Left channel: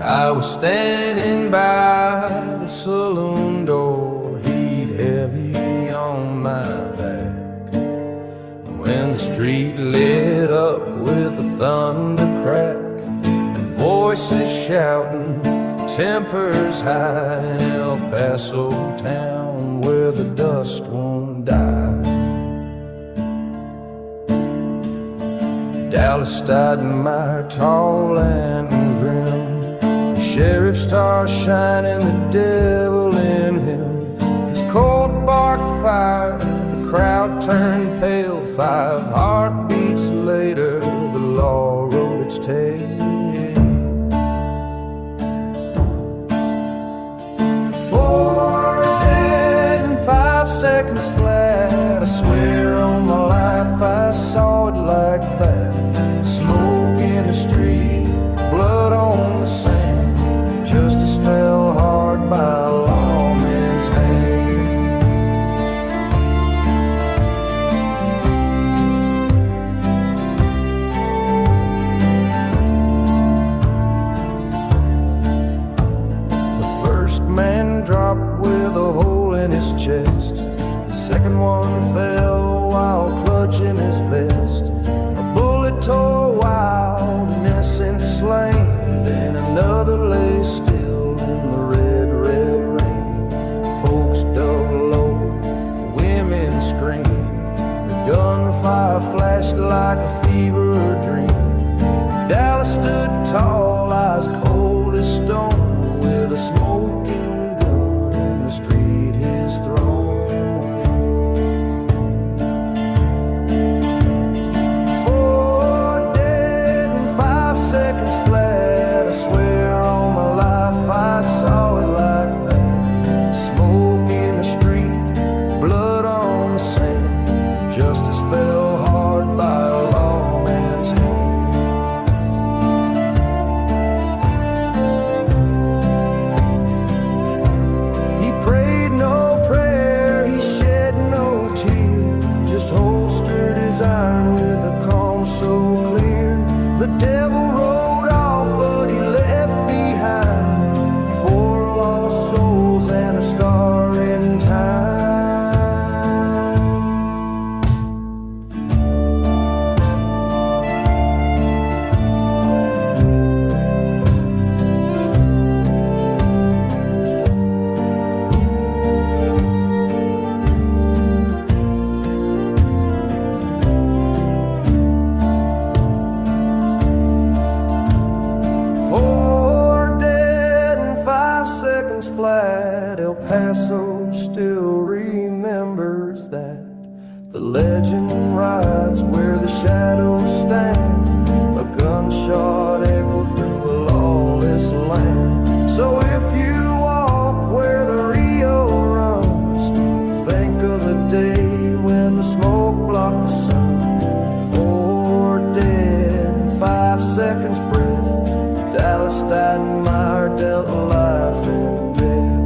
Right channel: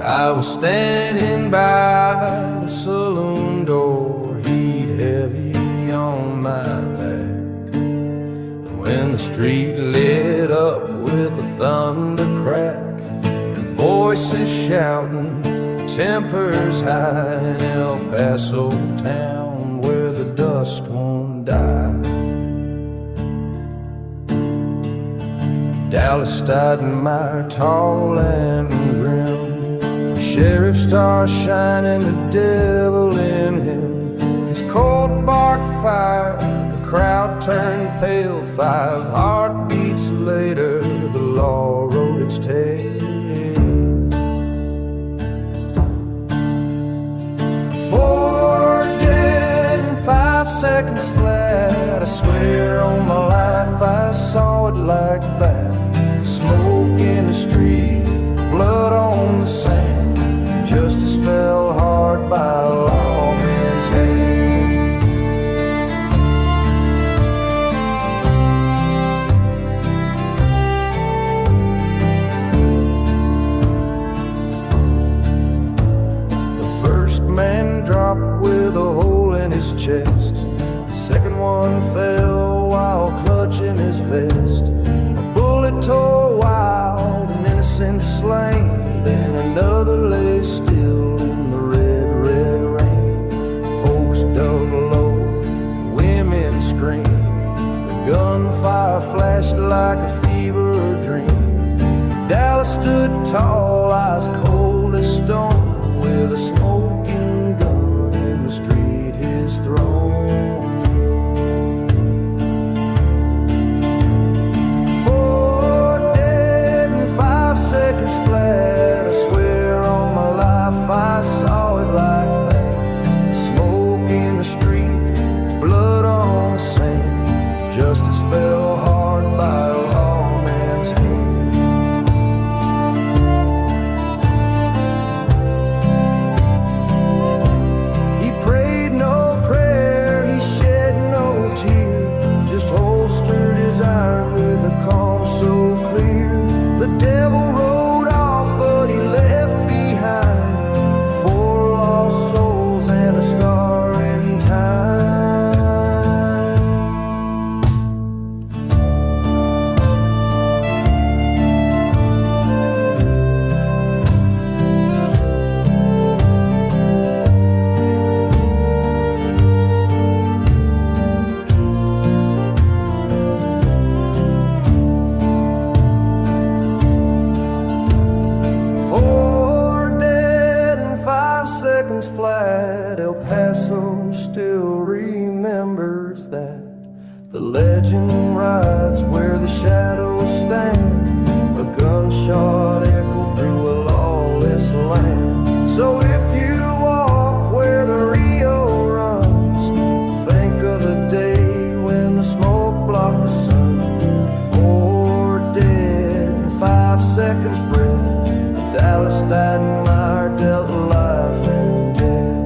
I was standing by the saloon door, heat heavy on my back, when the street lit up with a thunder crack and voices shouting, tempers high in El Paso town where the dust won't die. Dallas Stuyvesant, tall and grim, the sheriff's star shining, the devil in him. His cold bark fired, the crowd turned pale. 5 heartbeats later, the law wrote its tale. 4 dead and 5 seconds flat. I swear on my life I saw it like that. Smoke in the street, blood on the sand. Justice fell hard by a lawman's hand. The first man dropped with a hole in his chest. The second one fell while clutching his vest. A bullet tore wild, an innocent slain. Then another lay still in the red, red rain. Folks dug low, women screamed. The gunfire flashed like a fever dream. Dallas stood tall, eyes cold as stone, with a smoking gun in the street, his throne. 4 dead and 5 seconds flat. I swear on my life I saw it like that. Smoke in the street, blood on the sand. Justice fell hard by a lawman's hand. He prayed no prayer, he shed no tear, just holstered his iron with a calm so clear. The devil rode off, but he left behind 4 lost souls and a scar in time. Seconds flat, El Paso still remembers that. The legend rides where the shadows stand, a gunshot echo through a lawless land. So if you walk where the Rio runs, think of the day when the smoke blocked the sun. 4 dead and 5 seconds breath. Dallas Stuyvesant dealt life and death.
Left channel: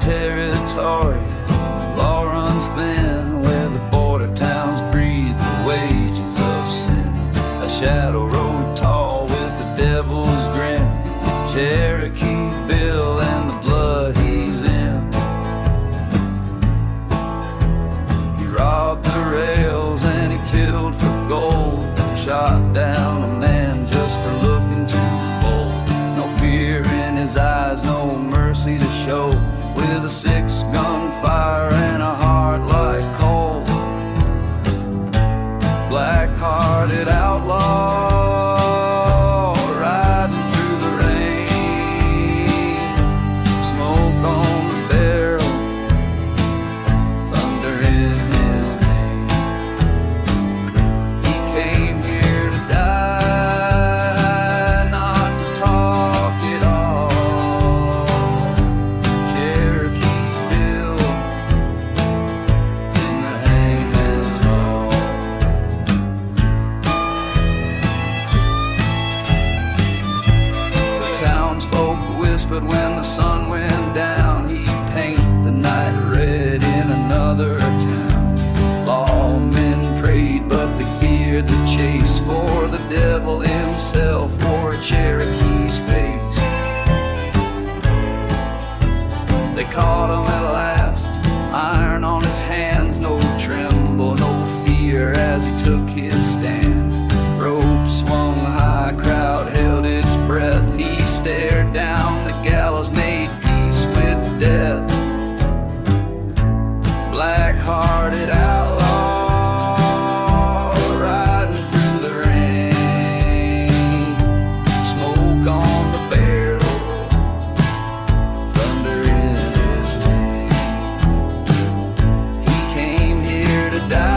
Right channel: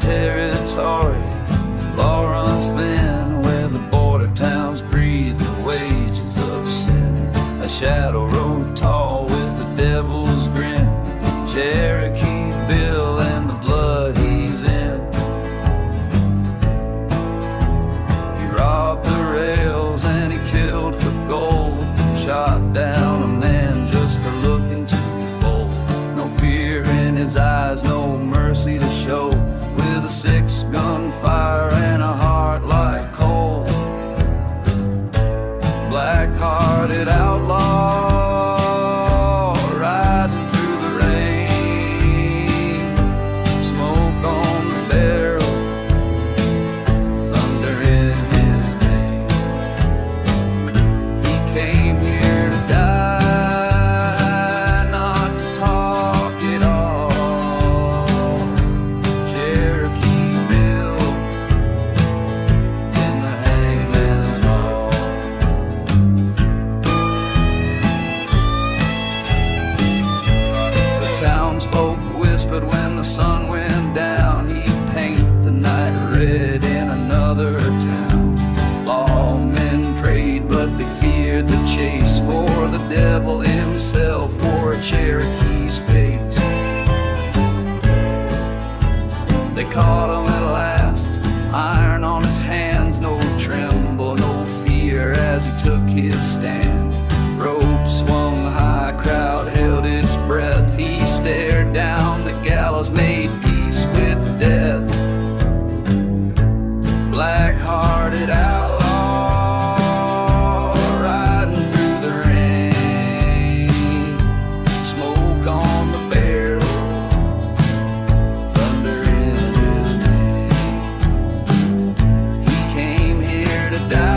Territory, law runs thin, where the border towns breed the wages of sin. A shadow rode tall with the devil's grin, Cherokee Bill and the blood he's in. He robbed the rails and he killed for gold, shot down a man just for looking too bold. No fear in his eyes, no mercy to show, with a 6-gun fire and a heart like coal. Black-hearted outlaw riding through the rain, smoke on the barrel, thunder in his name. He came here to die, not to talk it all. Cherokee townsfolk whispered when the sun went down, he'd paint the night red in another town. Lawmen prayed, but they feared the chase, for the devil himself wore a Cherokee's face. They caught him at last, iron on his hands, no tremble, no fear as he took his stand. Rope swung high, crowd held its breath. He stared down the gallows, made peace with death. Black-hearted outlaw, riding through the rain. Smoke on the barrel, thunder in his name. He came here to die,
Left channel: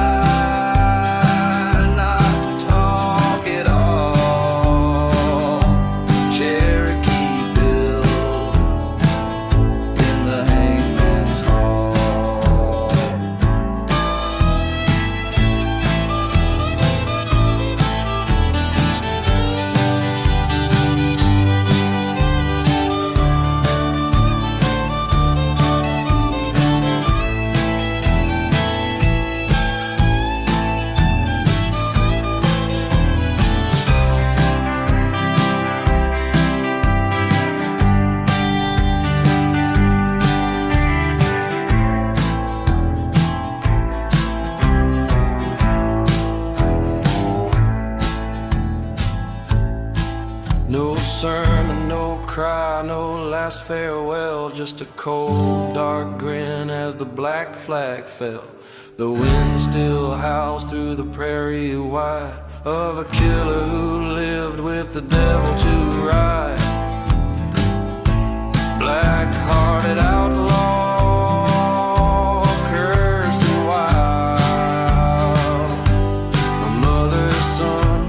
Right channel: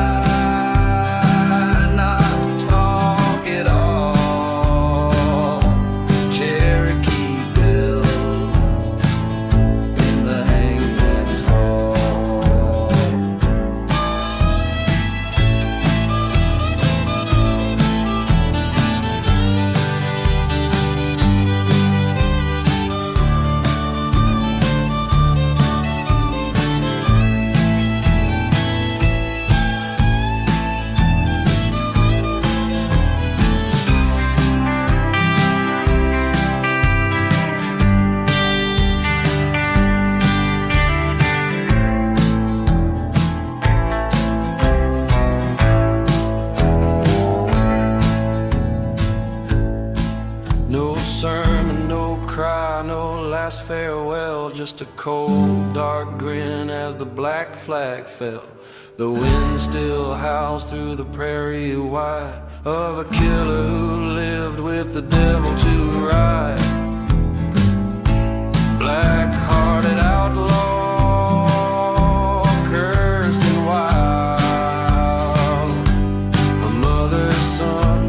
sermon, no cry, no last farewell, just a cold, dark grin as the black flag fell. The wind still howls through the prairie wide of a killer who lived with the devil to ride. Black-hearted outlaw, cursed and wild, a mother's son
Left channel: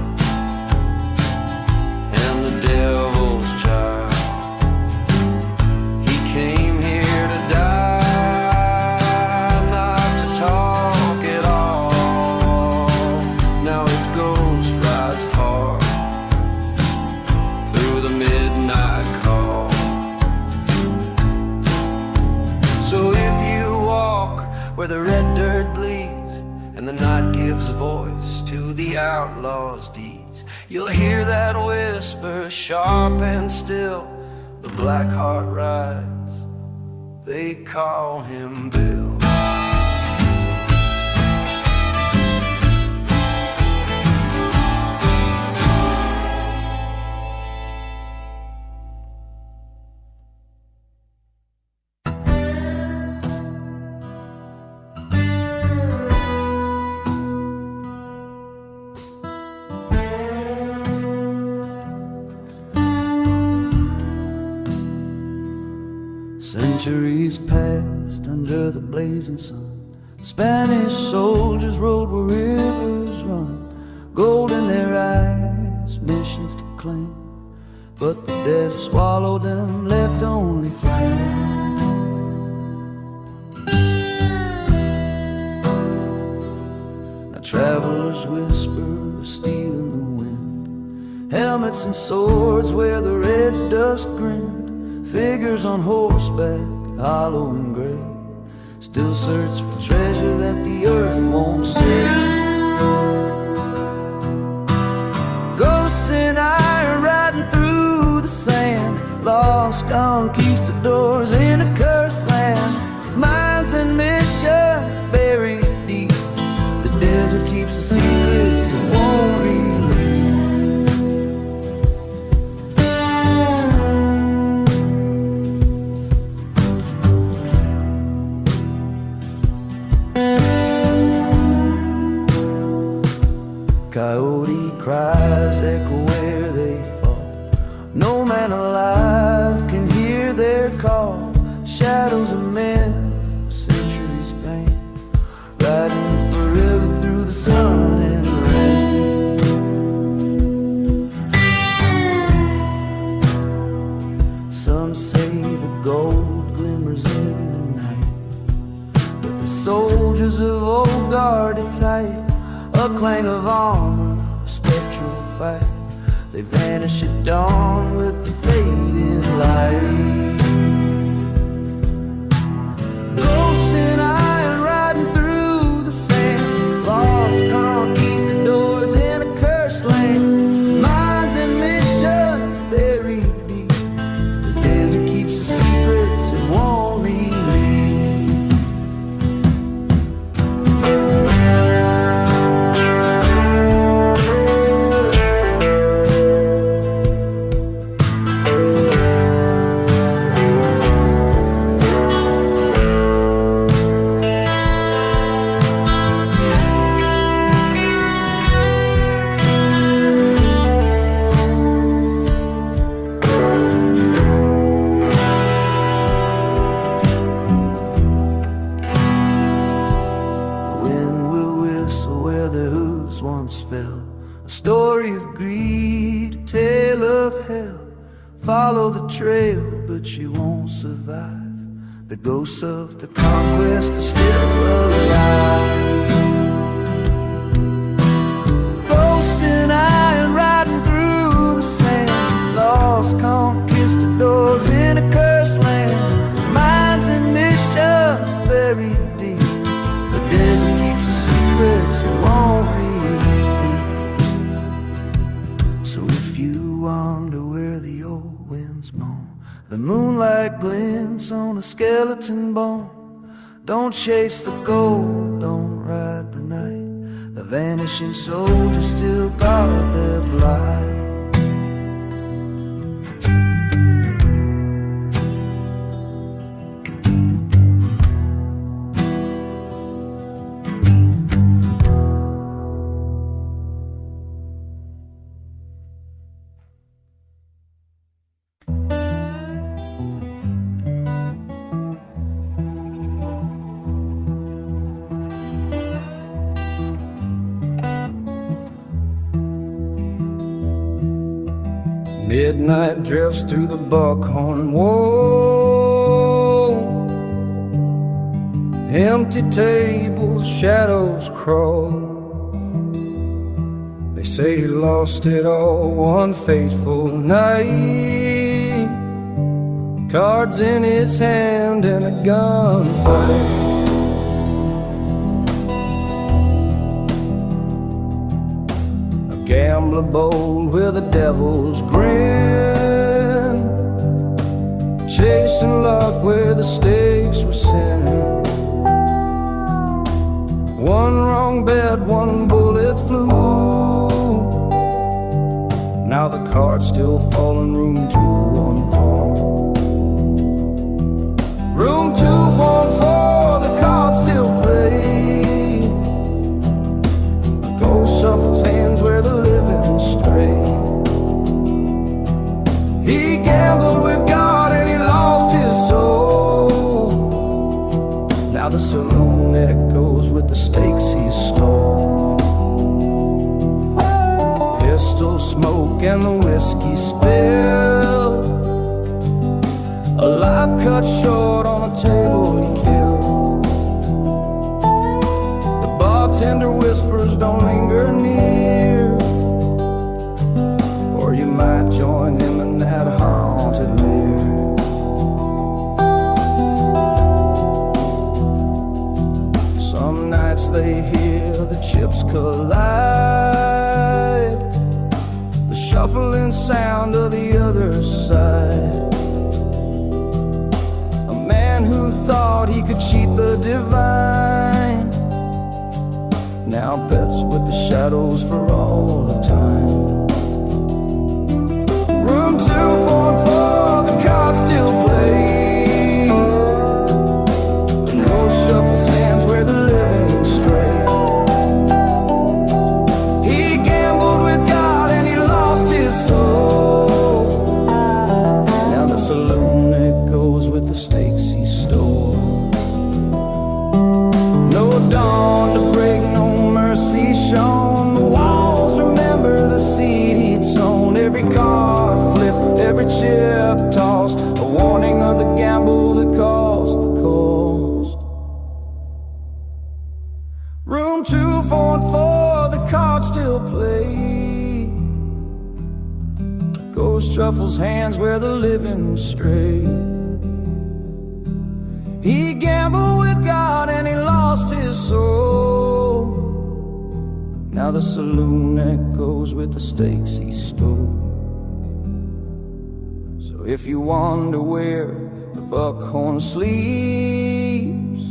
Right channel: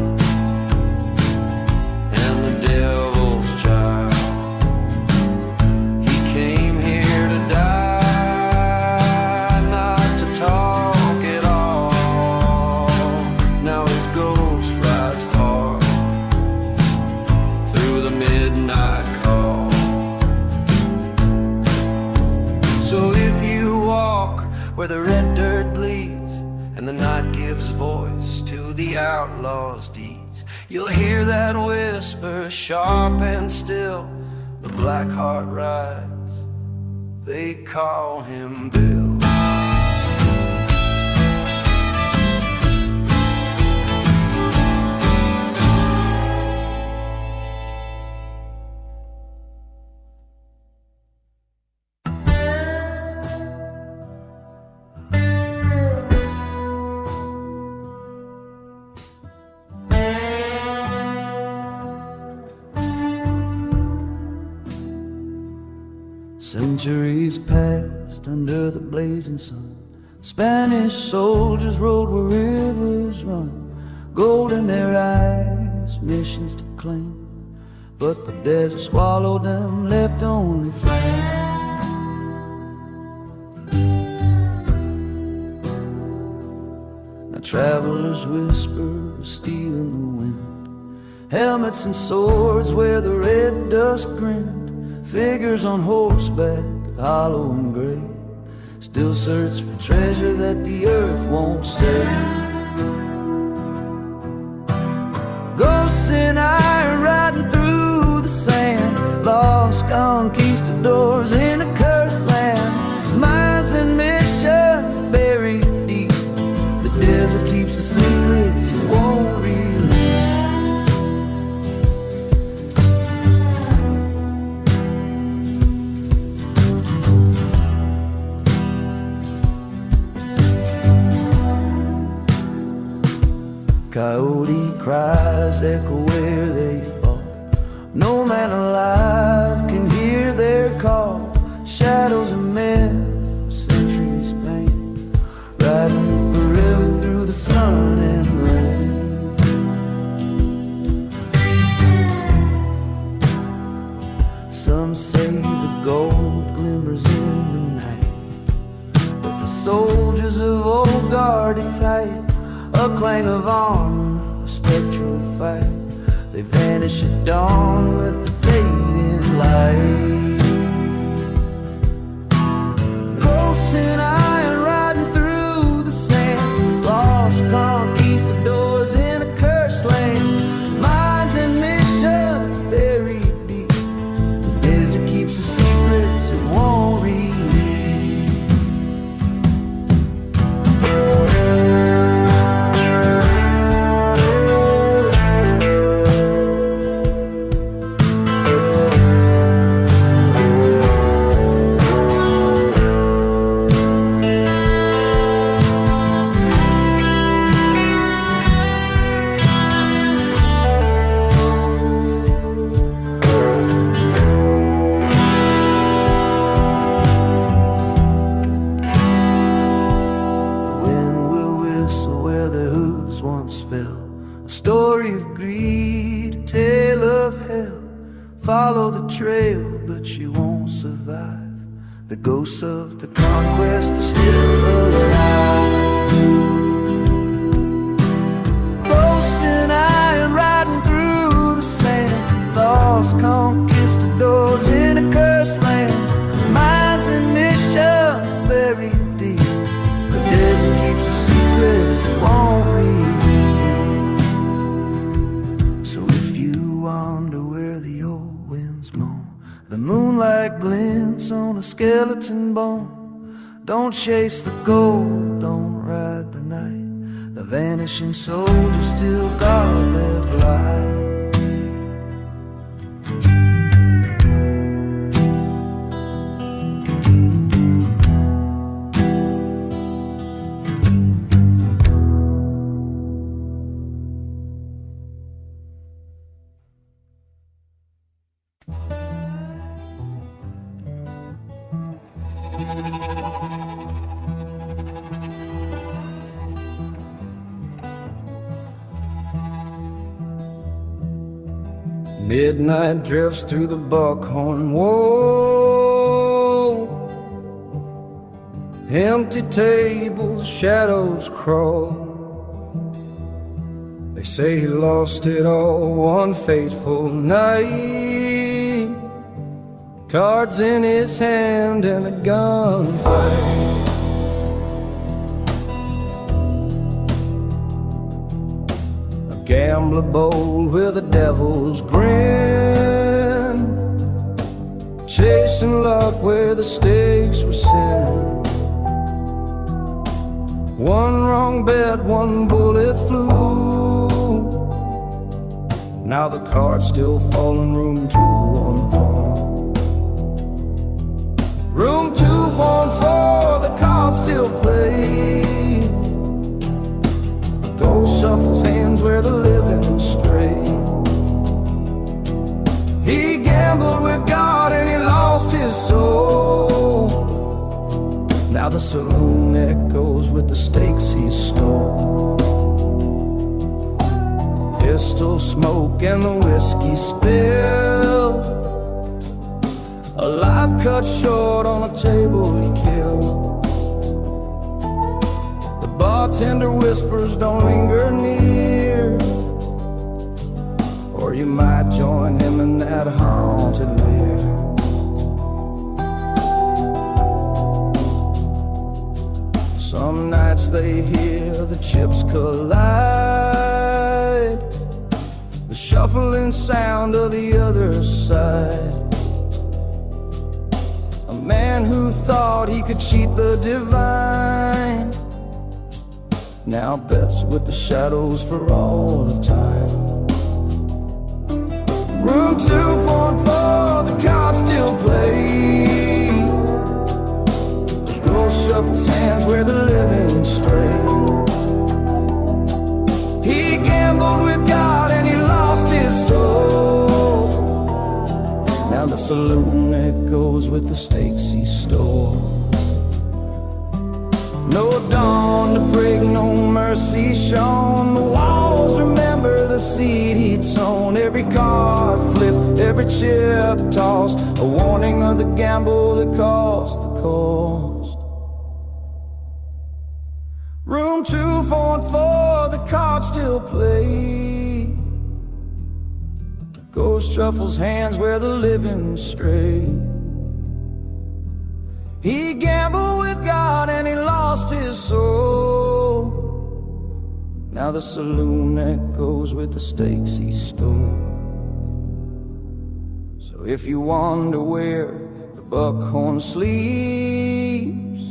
and the devil's child. He came here to die, not to talk at all. Now his ghost rides hard through the midnight call. So if you walk where the red dirt bleeds and the night gives voice to the outlaw's deeds, you'll hear that whisper, sharp and still. The black heart rides, they call him Bill. Centuries passed under the blazing sun. Spanish soldiers rode where rivers run, gold in their eyes, missions to claim. But the desert swallowed them, left only flame. Now travelers whisper, stealing the wind, helmets and swords where the red dust grinned. Figures on horseback, hollow and gray, still search for treasure that the earth won't save. Ghosts in iron riding through the sand, lost conquistadors in a cursed land. Minds and mission buried deep, the desert keeps the secrets it won't release. Coyote cries echo where they fall. No man alive can hear their call. Shadows of men, centuries pain, riding forever through the sun and rain. Some say the gold glimmers in the night, but the soldiers of old guard it tight. A clang of armor, a spectral fight, They vanish at dawn with the fading light. Ghosts in iron riding through the sand, lost conquistadors in a cursed land, minds and missions buried deep. The desert keeps the secrets it won't release. Story of greed, a tale of hell. Follow the trail, but you won't survive. The ghosts of the conquest are still alive. Ghosts in iron riding through the sand, lost conquistadors in a cursed land, minds and missions buried deep. The desert keeps the secrets it won't read. So if you wonder where the old winds moan, the moonlight glints on a skeleton bone. Don't chase the gold, don't ride the night. The vanishing soldiers still guard their blind. Midnight drifts through the buckhorn wall. Empty tables, shadows crawl. They say he lost it all one fateful night. Cards in his hand and a gunfight. Gambler bold with a devil's grin, chasing luck where the stakes were sin. One wrong bet, one bullet flew. Now the card's still falling, room 214. Room 214, the card still plays. Ghost shuffles hands where the living stray. He gambled with God and he lost his soul. Now the saloon echoes with the stakes he stole. Pistol smoke and the whiskey spill. A life cut short on a table he killed. Bartender whispers, don't linger near, or you might join him in that haunted lair. Some nights they hear the chips collide, the shuffling sound of the other side. A man who thought he could cheat the divine now bets with the shadows for all of time. Room 214, the cards still play. The ghost shuffles hands where the living stray. He gambled with God and he lost his soul. Now the saloon echoes with the stakes he stole. No dawn to break, no mercy shown. The walls remember the seed he'd sown. Every card flipped, every chip tossed, a warning of the gamble that cost the cost. Room 214, the cards still play. Ghost shuffles hands where the living stray. He gambled with God and he lost his soul. Now the saloon echoes with the stakes he stole. So if you wonder where the buckhorn sleeps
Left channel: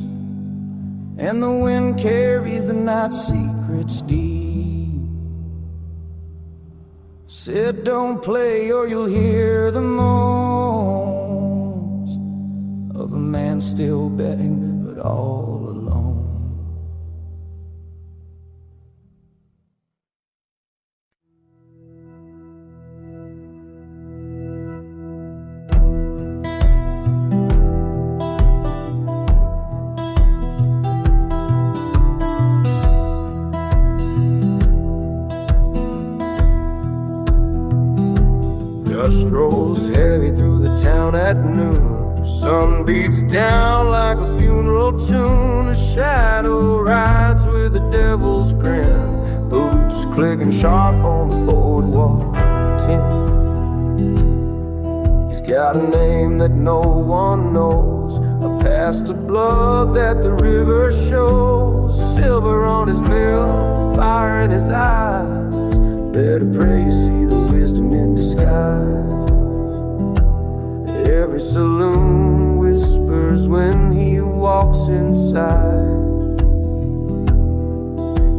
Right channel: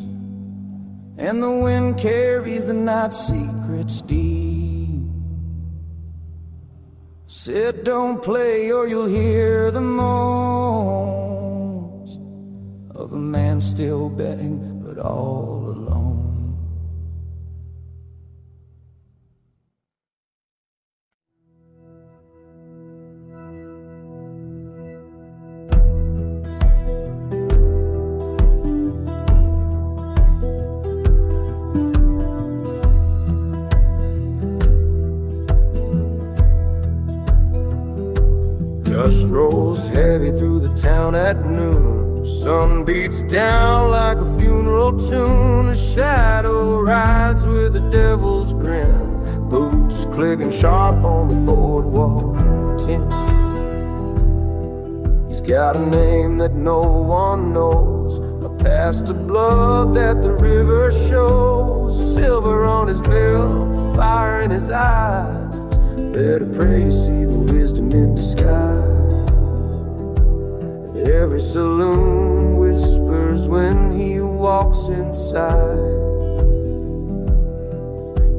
and the wind carries the night secrets deep, said don't play or you'll hear the moans of a man still betting but all alone. Dust rolls heavy through the town at noon. Sun beats down like a funeral tune. A shadow rides with a devil's grin. Boots clicking sharp on the boardwalk tin. He's got a name that no one knows, a past of blood that the river shows. Silver on his belt, fire in his eyes. Better pray you see the wisdom in disguise. Every saloon whispers when he walks inside.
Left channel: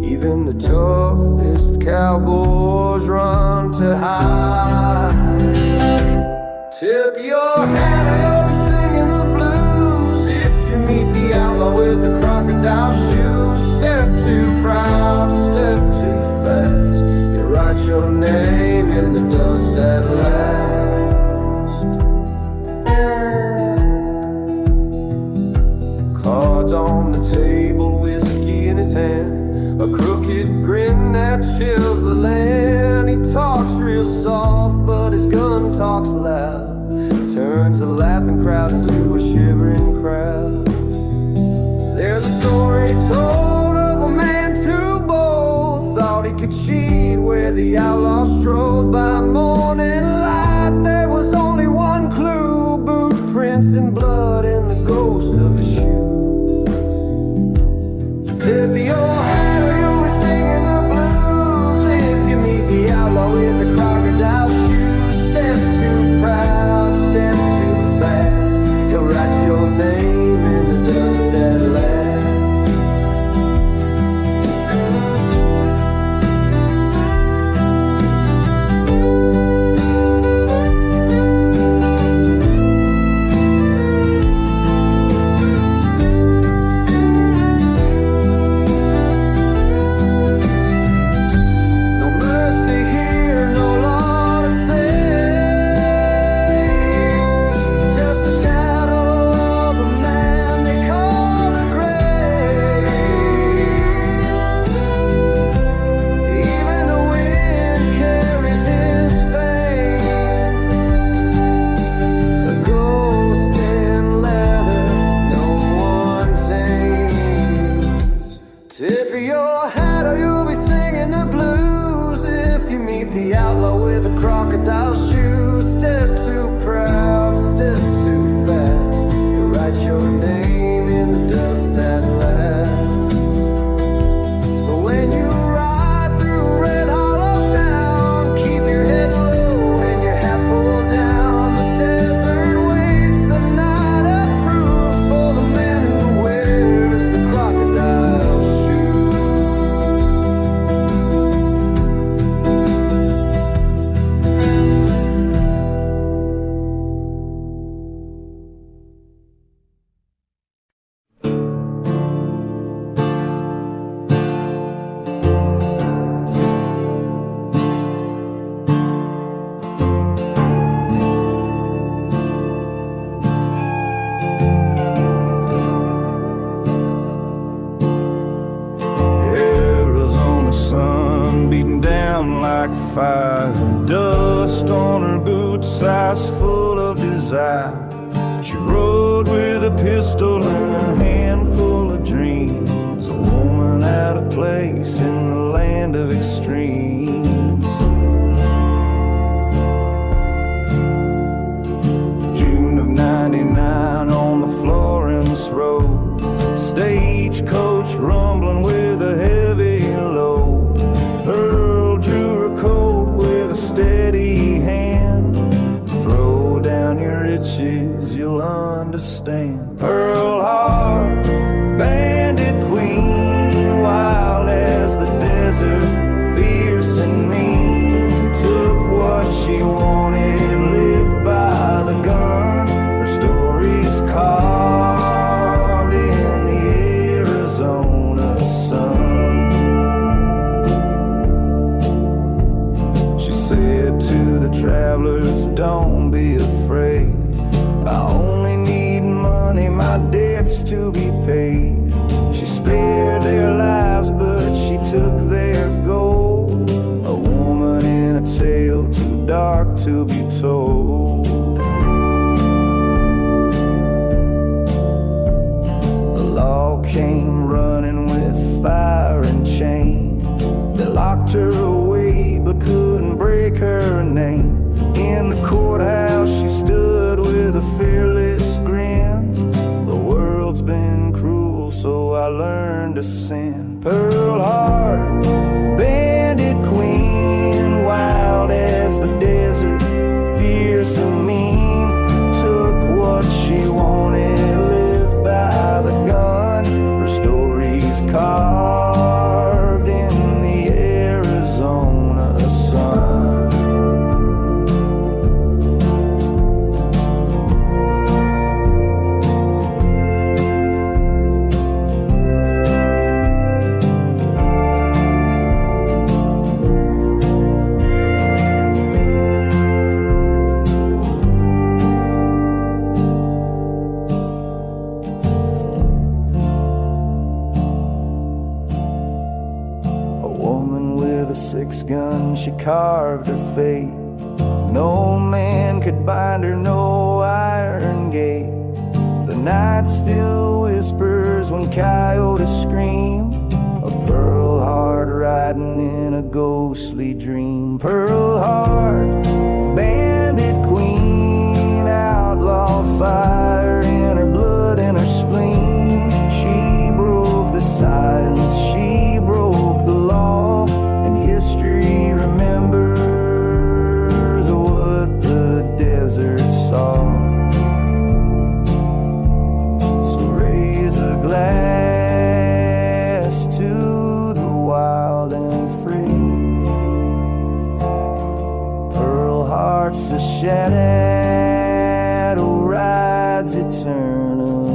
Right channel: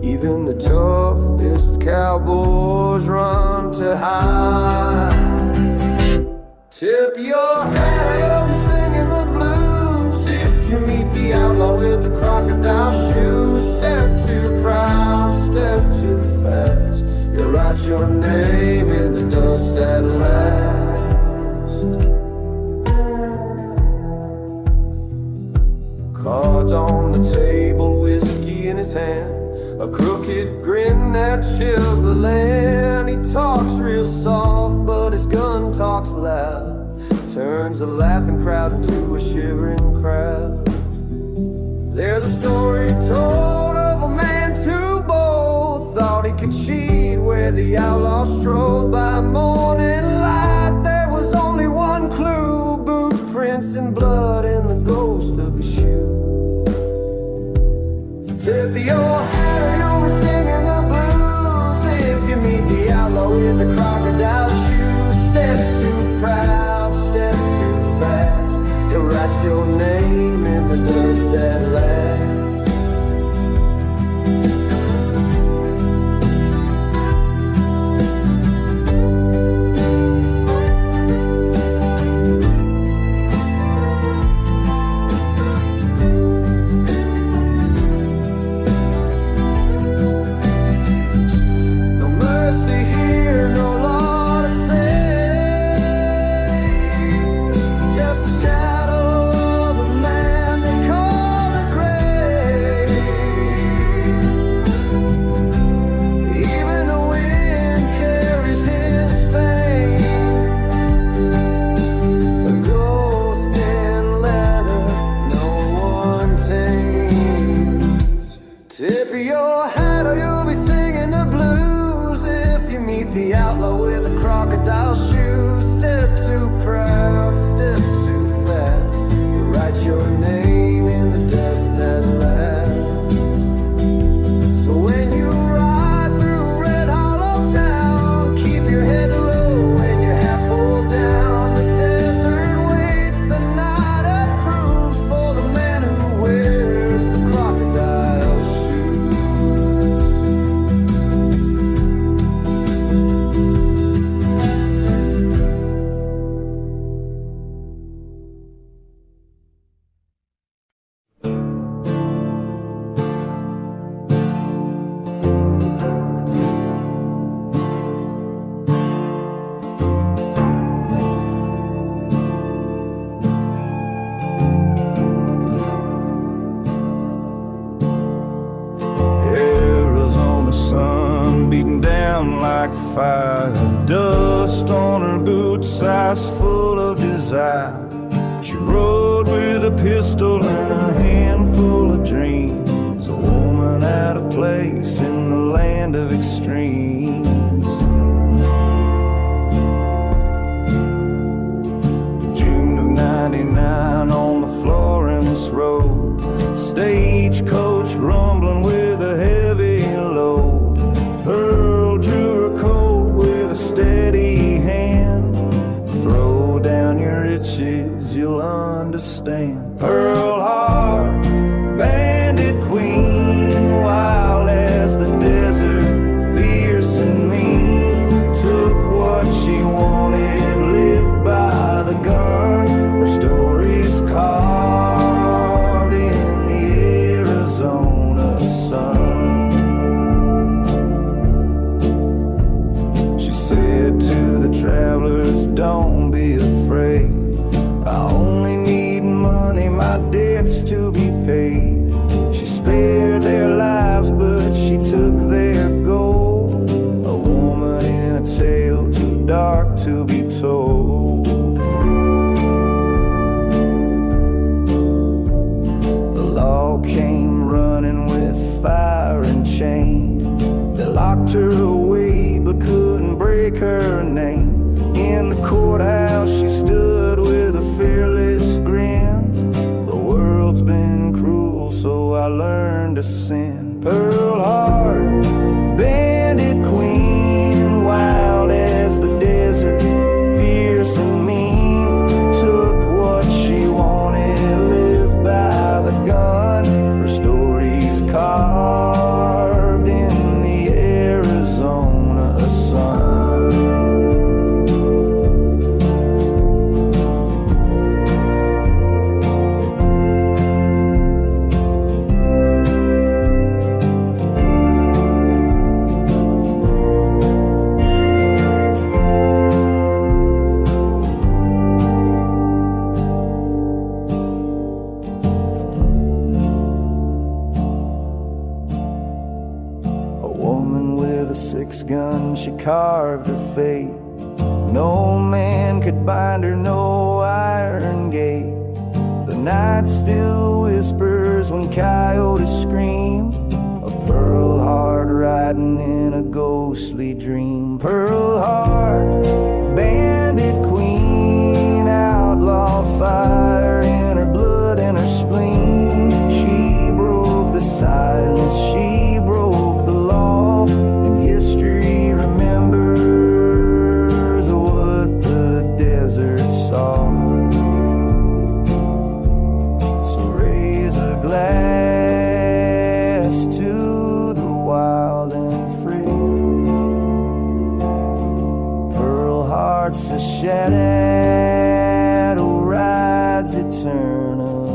Even the toughest cowboys run to hide. Tip your hat or you'll be singing the blues. If you meet the outlaw with the crocodile shoes, step too proud, step too fast. Write your name in the dust at last. Cards on the table, whiskey in his hand, a crooked grin that chills the land. He talks real soft, but his gun talks loud. Turns a laughing crowd into a shivering crowd. There's a story told of a man too bold, thought he could cheat where the outlaw strode. By morning light there was only one clue, boot prints and blood and the ghost of his shoe. Tip your hat or you'll be singing the blues. If you meet the outlaw with the crocodile shoes, step too proud, step too fast. He'll write your name in the dust at last. No mercy here, no law to save, just a shadow of a man they call the grave. Even the wind carries his fame, a ghost in leather no one tames. Tip your hat or you'll be singing the blues. If you meet the outlaw with the crocodile shoes, step too proud, step too fast. You write your name in the dust at last. So when you ride through Red Hollow Town, keep your head low and your hat pulled down. The desert waits, the night approves for the man who wears the crocodile shoes. Arizona sun beating down like fire, dust on her boots, eyes full of desire. She rode with a pistol and a handful of dreams, a woman out of place in the land of extremes. understand. Pearl Harbor, Bandit Queen, wild as the desert, fierce and mean. Took what she wanted, lived by the gun. Her story's carved in the Arizona sun. She said to the travelers, don't be afraid. I only need money, my debts to be paid. She spared their lives, but she took their gold. A woman in a tale too dark to be told. The law came running with fire and chain. They locked her away but couldn't break her name. In the courthouse she stood with a fearless grin. The world's been cruel, so I learned to sin. Pearl Harbor, Bandit Queen, wild as the desert, fierce and mean. Took what she wanted, lived by the gun. Her story's carved in the Arizona sun. Gun, she carved her fate. No man could bind her, no iron gate. The night still whispers when coyotes scream of Pearl Harbor riding in a ghostly dream. Pearl Harbor, Bandit Queen, outlaw fire in her blood and her spleen. She broke the silence, she broke the law. History remembers what the desert saw. So raise a glass to the wild and free. Pearl Heart's a shadow rides eternally.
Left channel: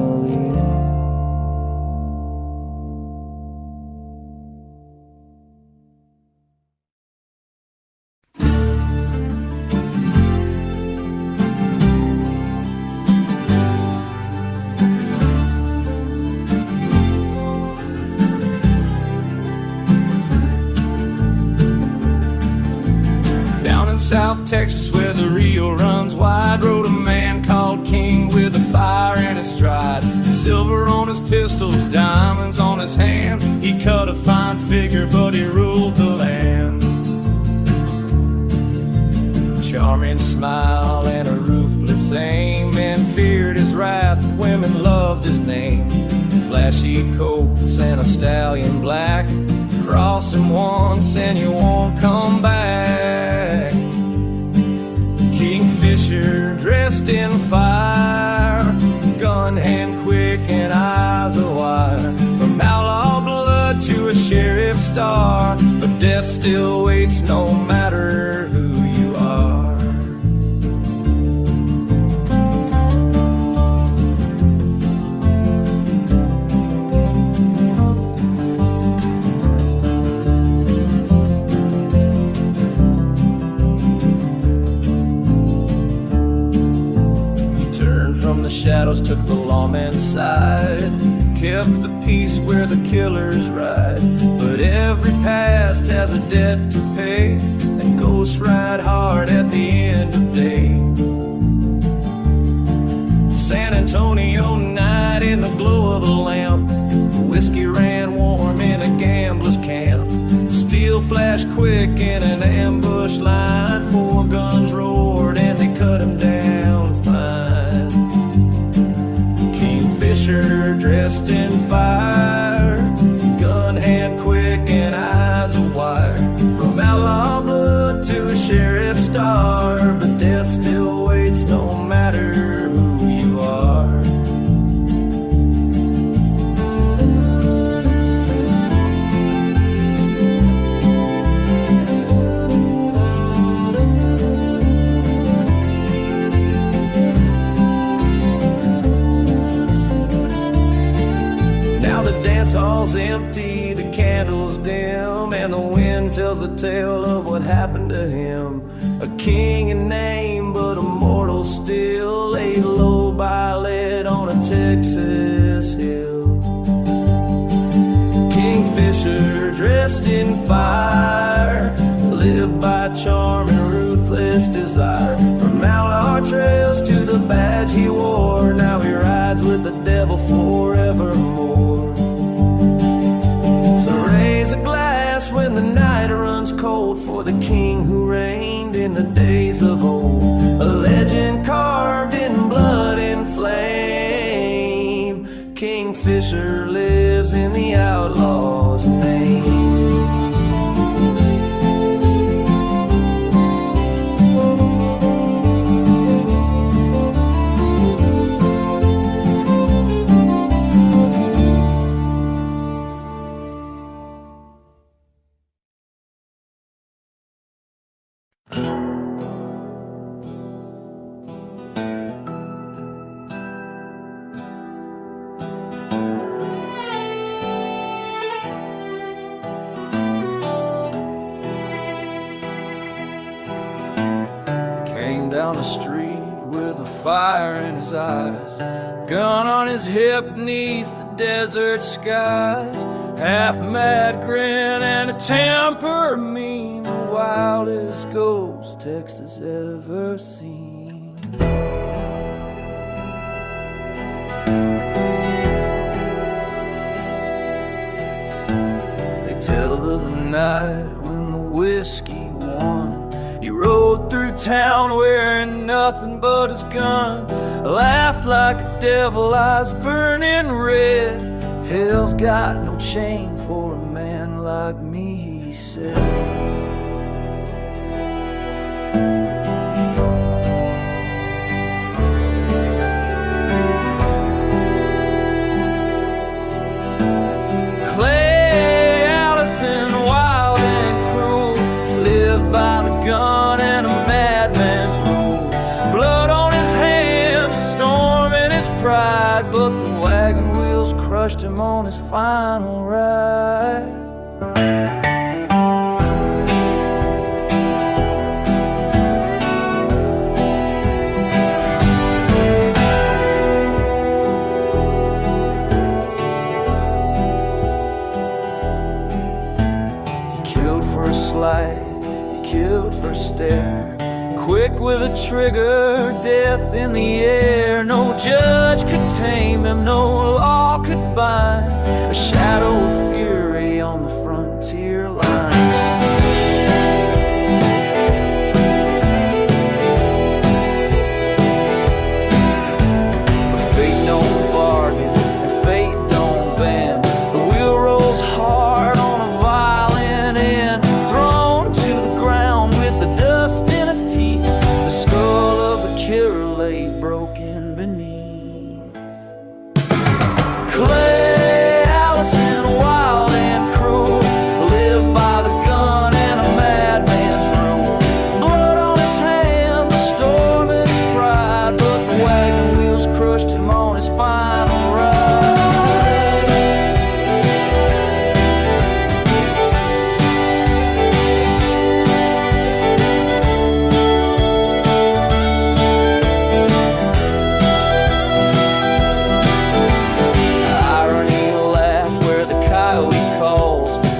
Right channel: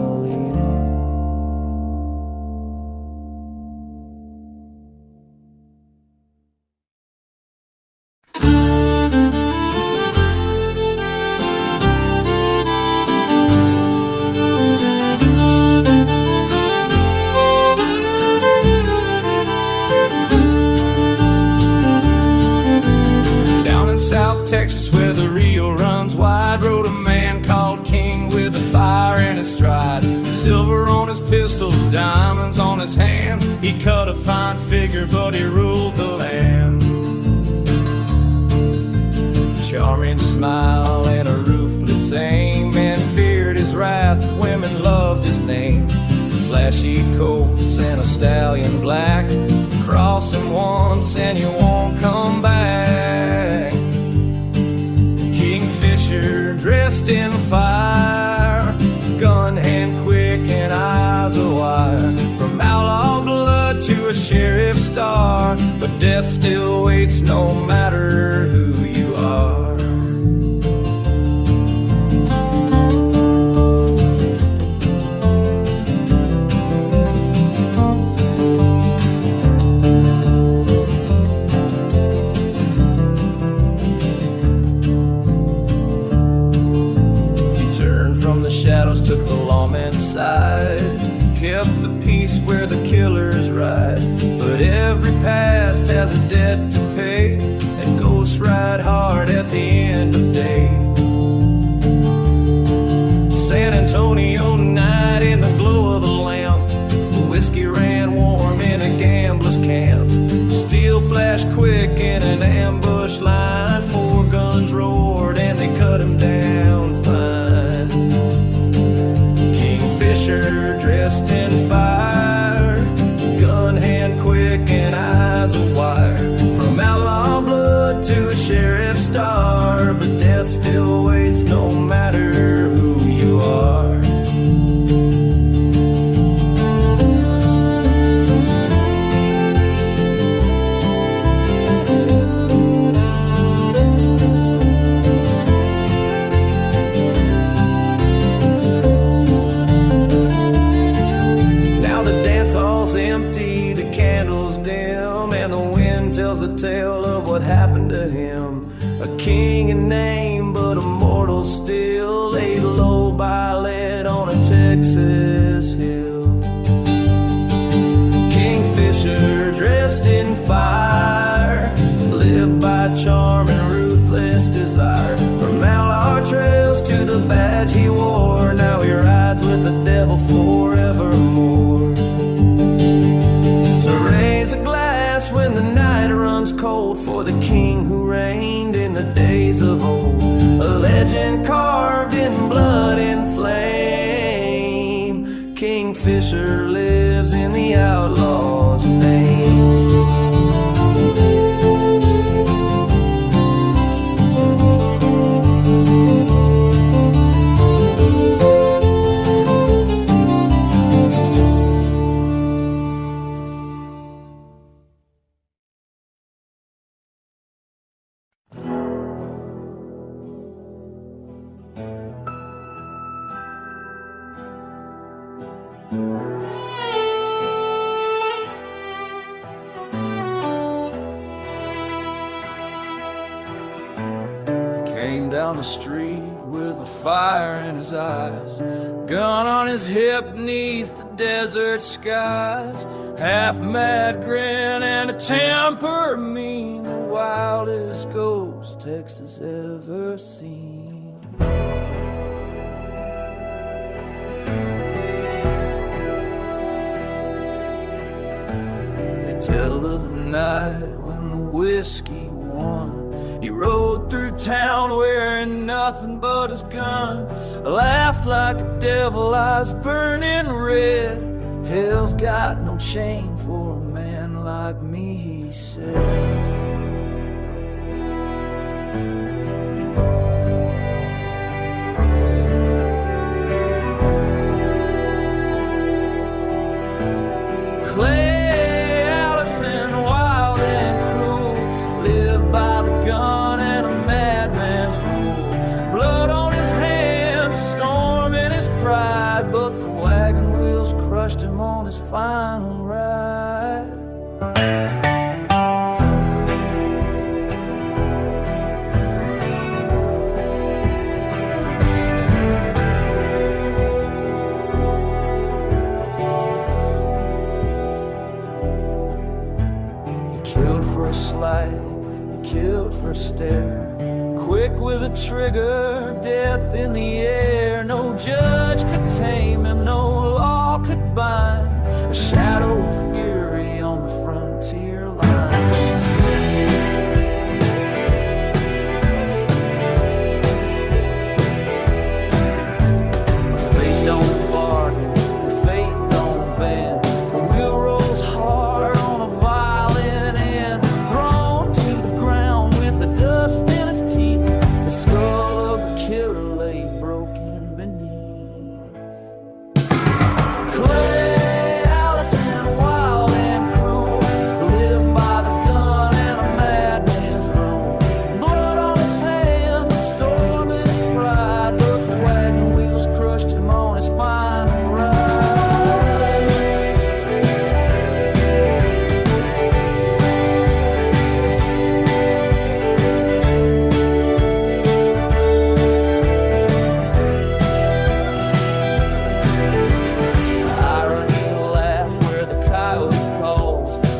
South Texas where the Rio runs wide, rode a man called King with a fire in his stride. Silver on his pistols, diamonds on his hand. He cut a fine figure but he ruled the land. Charming smile and a ruthless aim, men feared his wrath, women loved his name. Flashy coats and a stallion black, cross him once and you won't come back. Kingfisher dressed in fire, gun hand quick and eyes of wire. From outlaw blood to a sheriff's star, but death still waits no matter who you are. From the shadows took the lawman's side, kept the peace where the killers ride. But every past has a debt to pay, and ghosts ride hard at the end of day. San Antonio night in the glow of the lamp, the whiskey ran warm in a gambler's camp. Steel flashed quick in an ambush line, 4 guns roared and they cut him down fine. Kingfisher dressed in fire, gun hand quick and eyes of wire. From outlaw blood to a sheriff's star, but death still waits no matter who you are. empty, the candles dim, and the wind tells the tale of what happened to him. A king in name, but a mortal still, laid low by lead on a Texas hill. Kingfisher dressed in fire, lived by charm and ruthless desire. From outlaw trails to the badge he wore, now he rides with the devil forevermore. So raise a glass when the night runs cold, for the king who reigned in the days of old. A legend carved in blood and flame, Kingfisher lives in the outlaw's name. Came down the street with a fire in his eyes, gun on his hip beneath the desert skies. Half mad grin and a temper mean, the wildest ghost Texas ever seen. They tell of the night when the whiskey won. He rode through town wearing nothing but his gun, laughed like a devil, eyes burning red. Hell's got no chain for a man like me, he said. Clay, Allison, wild and cruel, lived by the gun and a madman's rule. Blood on his hands, a storm in his pride, but the wagon wheels crushed him on his final ride. He killed for a slight, he killed for a stare, quick with a trigger, death in the air. No judge could tame him, no law could bind, a shadow of fury on the frontier line. But fate don't bargain and fate don't bend. The wheel rolls hard on a violent end, thrown to the ground with the dust in his teeth. The skull of the killer lay broken beneath. Clay, Allison, wild and cruel, lived by the gun and a madman's rule. Blood on his hand, the storm in his pride, but the wagon wheels crushed him on his final ride.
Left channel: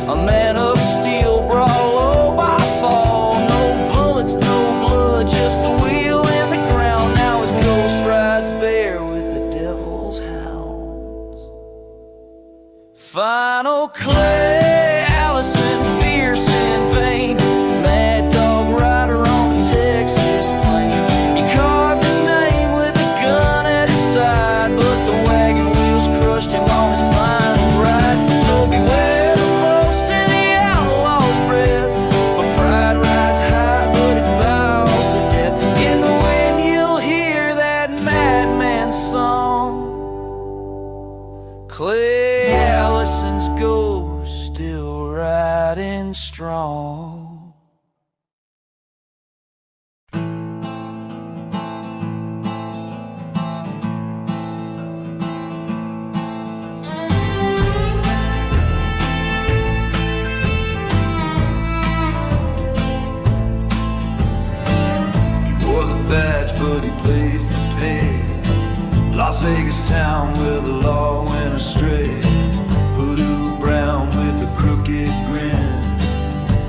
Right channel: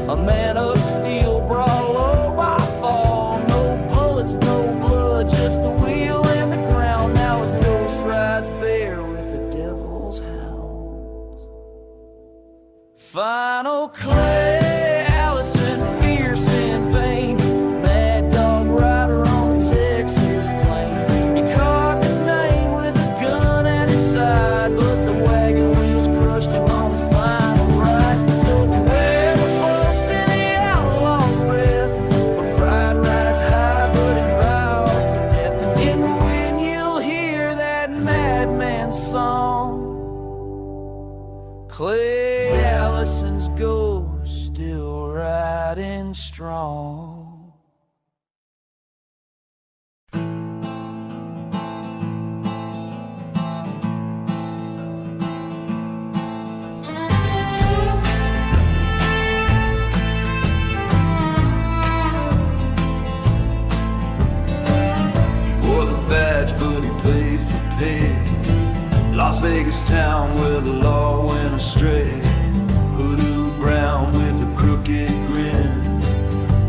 A man of steel brought low by fall. No bullets, no blood, just the wheel and the ground. Now his ghost rides bare with the devil's hounds. Final Clay, Allison, fierce and vain, mad dog rider on the Texas plain. He carved his name with a gun at his side, but the wagon wheels crushed him on his final ride. So beware in the wind, you'll hear that madman's song. Clay, Allison's ghost still riding strong. badge, but he played for pay. Las Vegas town where the law went astray. Hoodoo Brown with a crooked grin,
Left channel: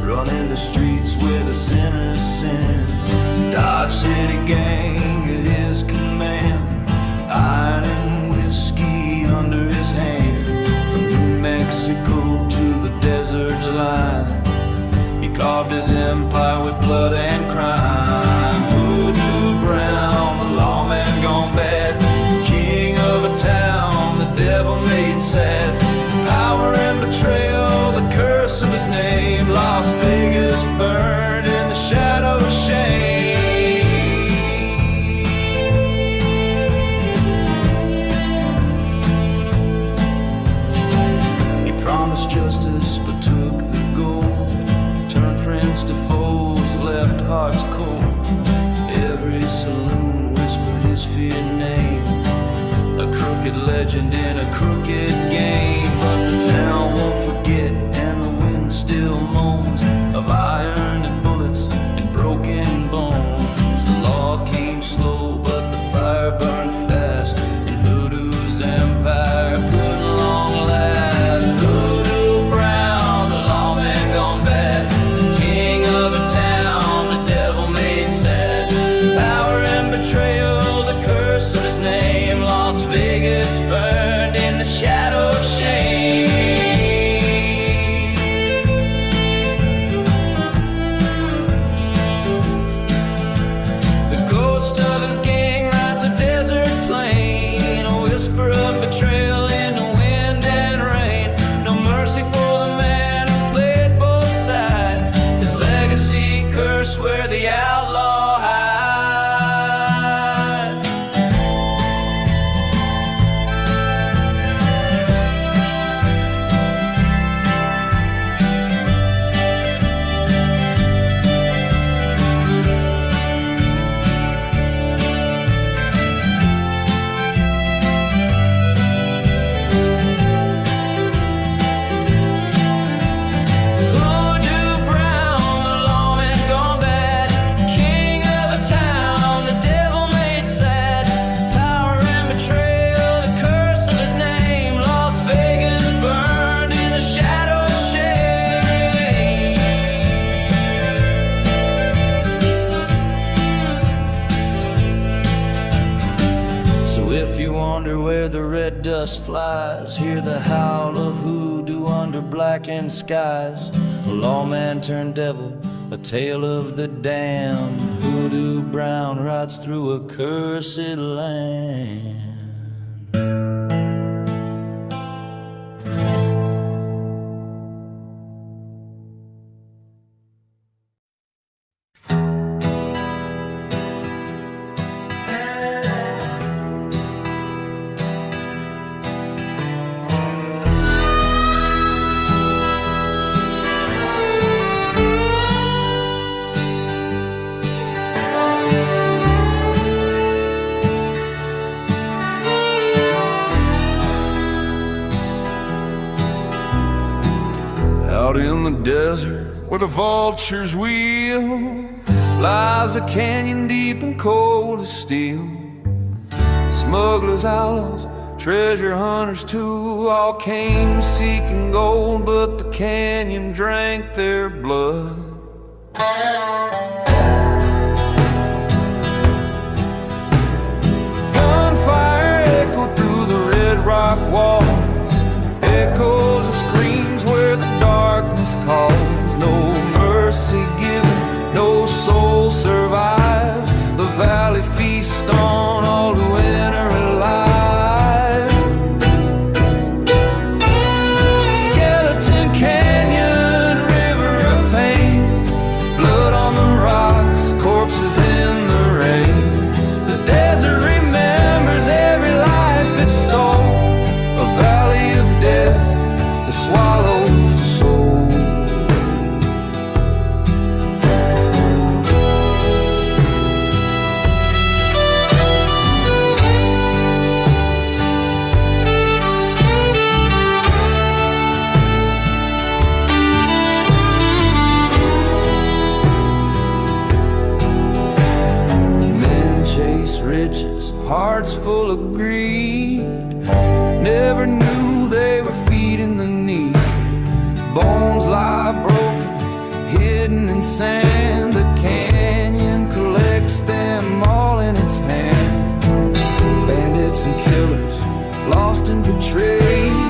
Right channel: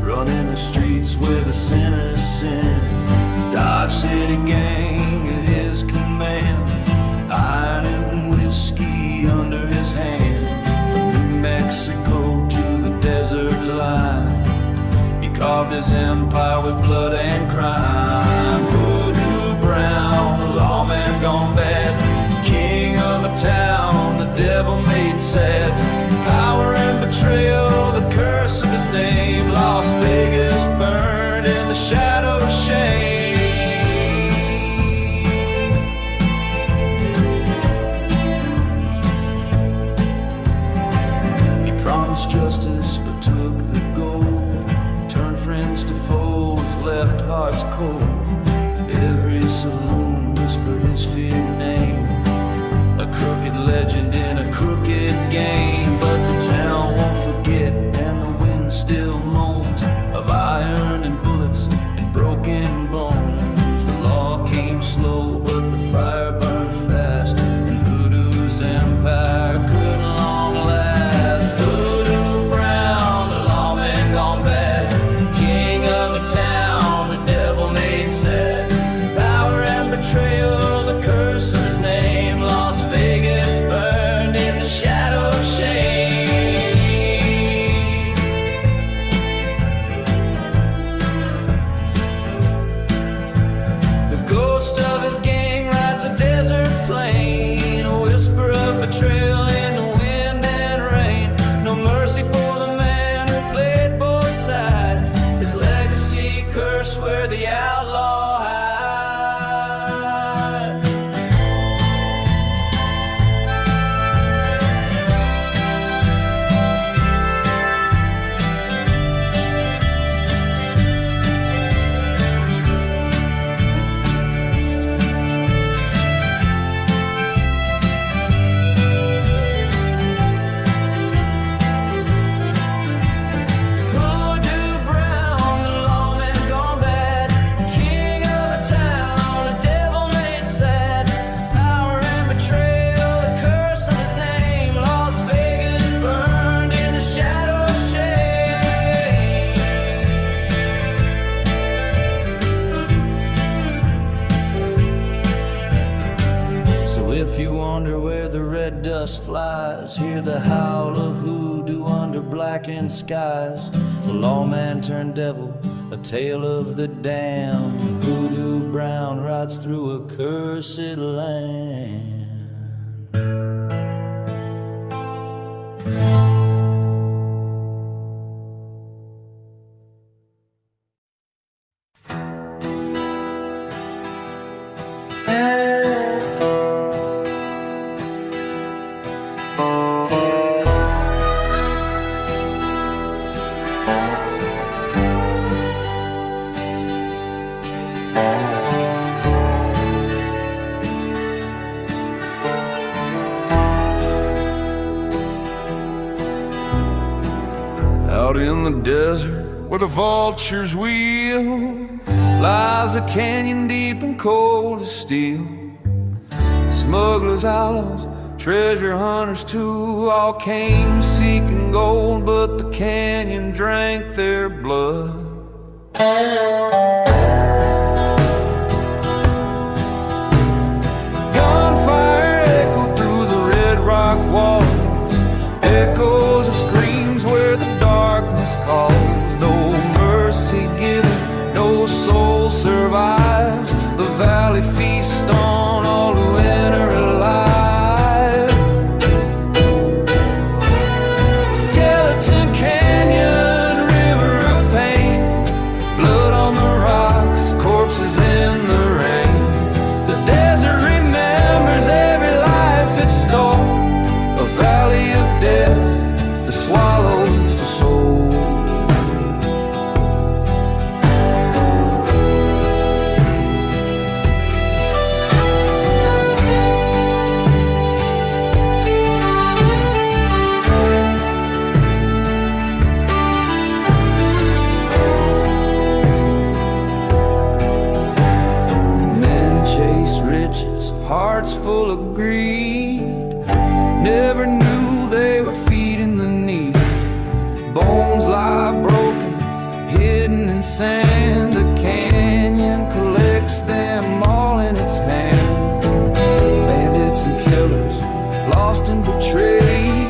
running the streets where the sinners sin. Dodge City gang at his command, iron and whiskey under his hand. From New Mexico to the desert line, he carved his empire with blood and crime. Hoodoo Brown, the lawman gone bad, king of a town the devil made sad. Power and betrayal, the curse of his name. Las Vegas burned in the shadow of shame. He promised justice but took the gold, turned friends to foes, left hearts cold. Every saloon whispered his feared name, a crooked legend in a crooked game. But the town won't forget, and the wind still moans of iron and bullets and broken bones. The law came slow, but the fire burned fast, and Hoodoo's empire couldn't long last. Hoodoo Brown, the lawman gone bad, king of a town the devil made sad. Power and betrayal, the curse of his name. Las Vegas burned in the shadow of shame. The ghost of his gang rides a desert plain, a whisper of betrayal in the wind and rain. No mercy for the man who played both sides, his legacy cursed where the outlaw hides. If you wonder where the red dust flies, hear the howl of hoodoo under blackened skies. A lawman turned devil, a tale of the damned. Hoodoo Brown rides through a cursed land. Out in the desert where the vultures wheel lies a canyon deep and cold as steel. Smugglers, outlaws, treasure hunters too, all came seeking gold, but the canyon drank their blood. Gunfire echoed through the red rock walls, echoes of screams where the darkness calls. No mercy given, no soul survives. The valley feasts on all who enter alive. Skeleton Canyon, river of pain, blood on the rocks, corpses in the rain. The desert remembers every life it stole, a valley of death that swallows the soul. riches, hearts full of greed. Never knew they were feeding the need. Bones lie broken, hidden in sand. The canyon collects them all in its hands. Bandits and killers, lost and betrayed.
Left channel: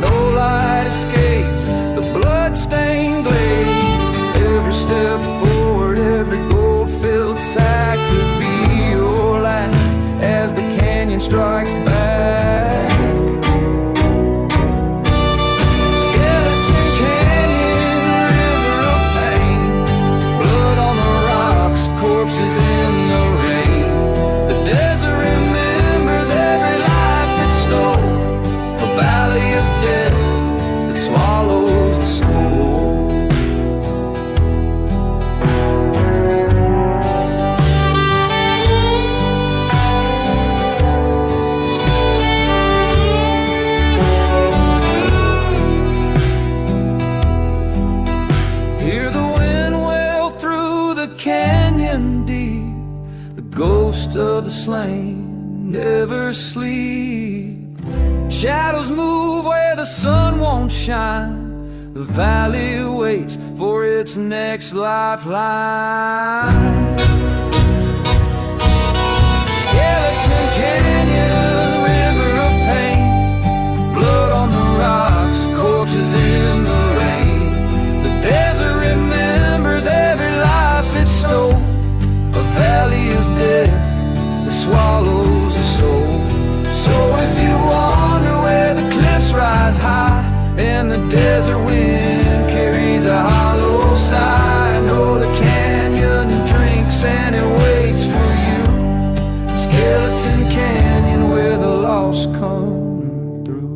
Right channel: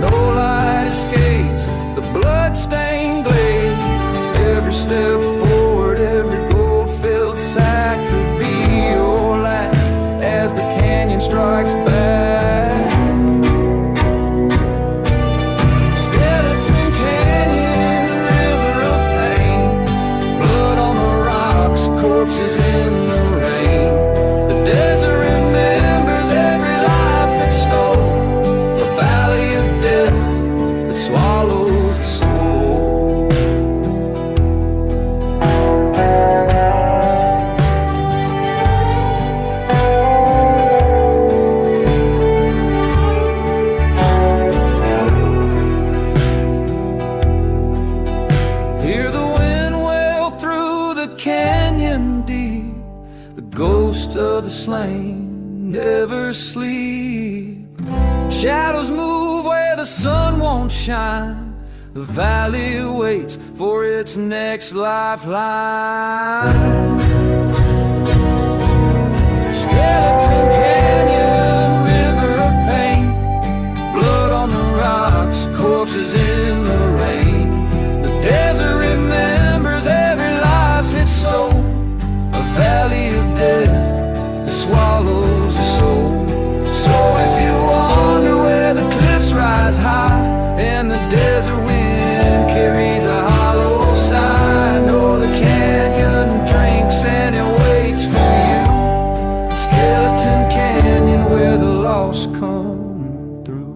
No light escapes the blood-stained glade. Every step forward, every gold-filled sack could be your last as the canyon strikes back. Skeleton Canyon, river of pain. Blood on the rocks, corpses in the rain. The desert remembers every life it stole. A valley of death that swallows the soul. Hear the wind wail through the canyon deep. The ghost of the slain never sleep. Shadows move where the sun won't shine. The valley waits for its next lifeline. Skeleton Canyon, river of pain. Blood on the rocks, corpses in the rain. The desert remembers every life it stole. A valley of death that swallows the soul. So if you wonder where the cliffs rise high and the desert wind carries a hollow sigh, know the canyon drinks and it waits for you. Skeleton Canyon, where the lost come through.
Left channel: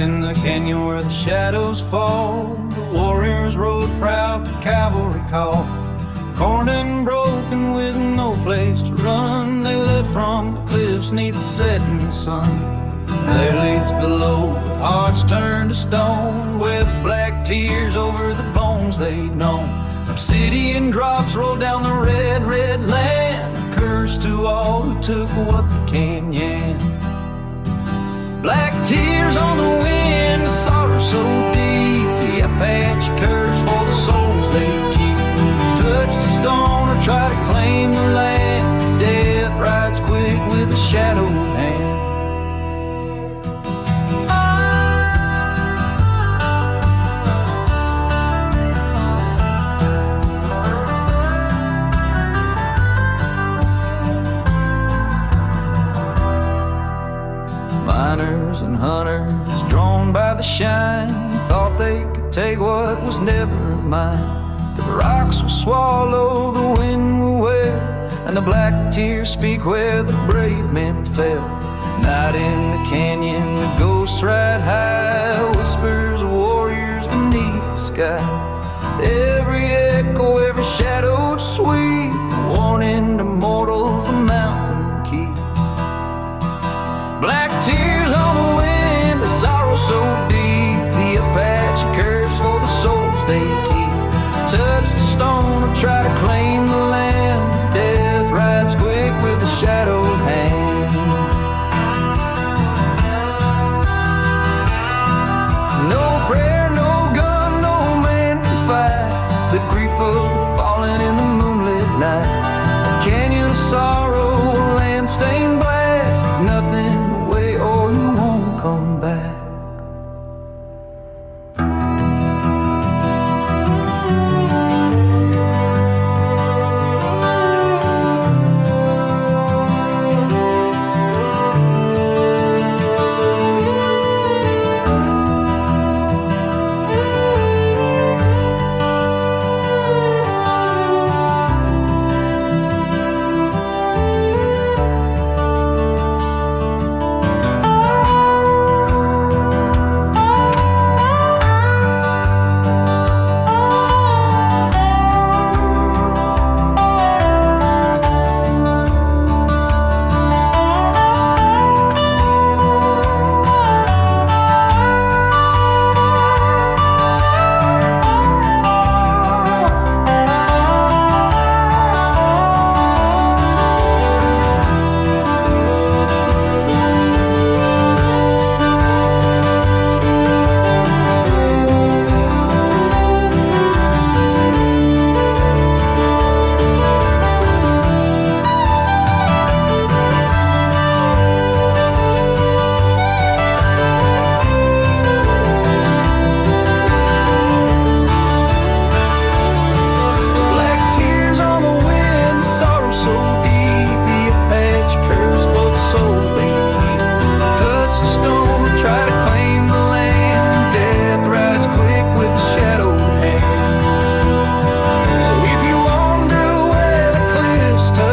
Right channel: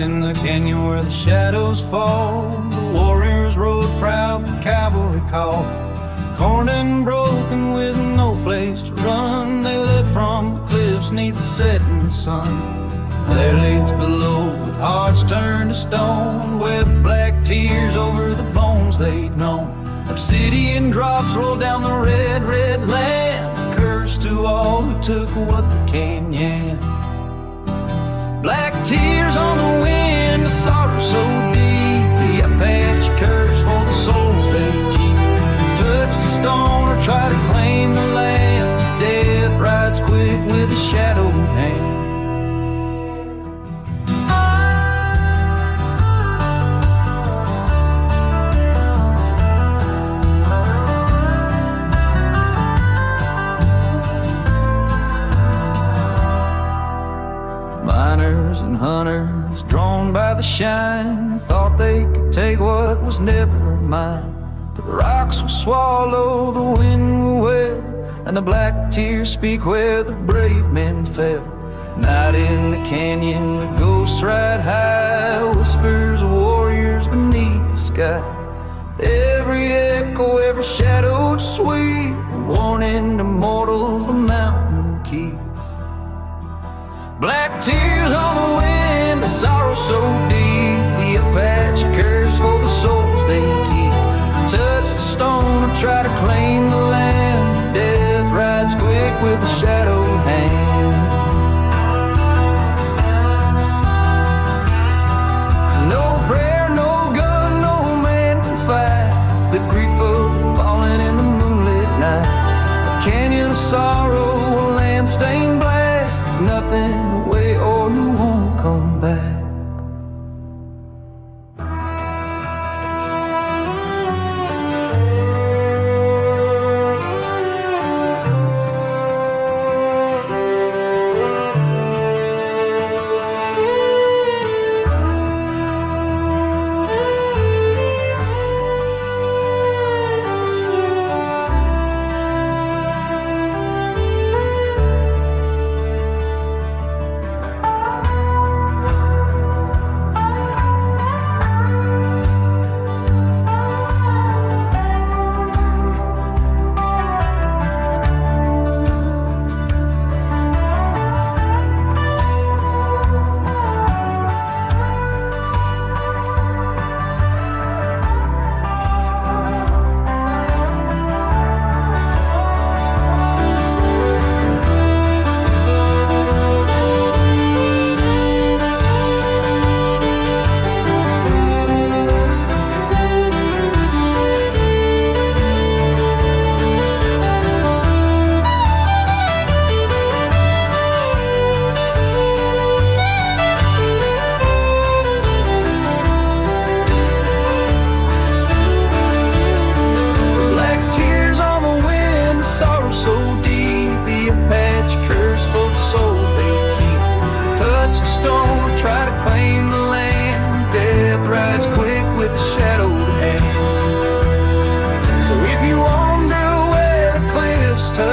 In the canyon where the shadows fall, the warriors rode proud, the cavalry called. Cornered and broken with no place to run, they led from the cliffs 'neath the setting sun. Their leaves below with hearts turned to stone, wept black tears over the bones they'd known. Obsidian drops rolled down the red, red land, a curse to all who took what they can. Black tears on the wind, a sorrow so deep, the Apache curse for the souls they keep. Touch the stone or try to claim the land, death rides quick with a shadowed hand. Miners and hunters, drawn by the shine, thought they could take what was never mine. The rocks will swallow, the wind will wail, and the black tears speak where the brave men fell. Night in the canyon, the ghosts ride high, whispers of warriors beneath the sky. Every echo, every shadowed sweep, a warning to mortals the mountain keeps. Black tears on the wind, a sorrow so deep, the Apache curse for the souls they keep. Touch the stone or try to claim the land, death rides quick with a shadowed hand. No prayer, no gun, no man can fight the grief of the fallen in the moonlit night. A canyon of sorrow, a land stained black, nothing away or you won't come back.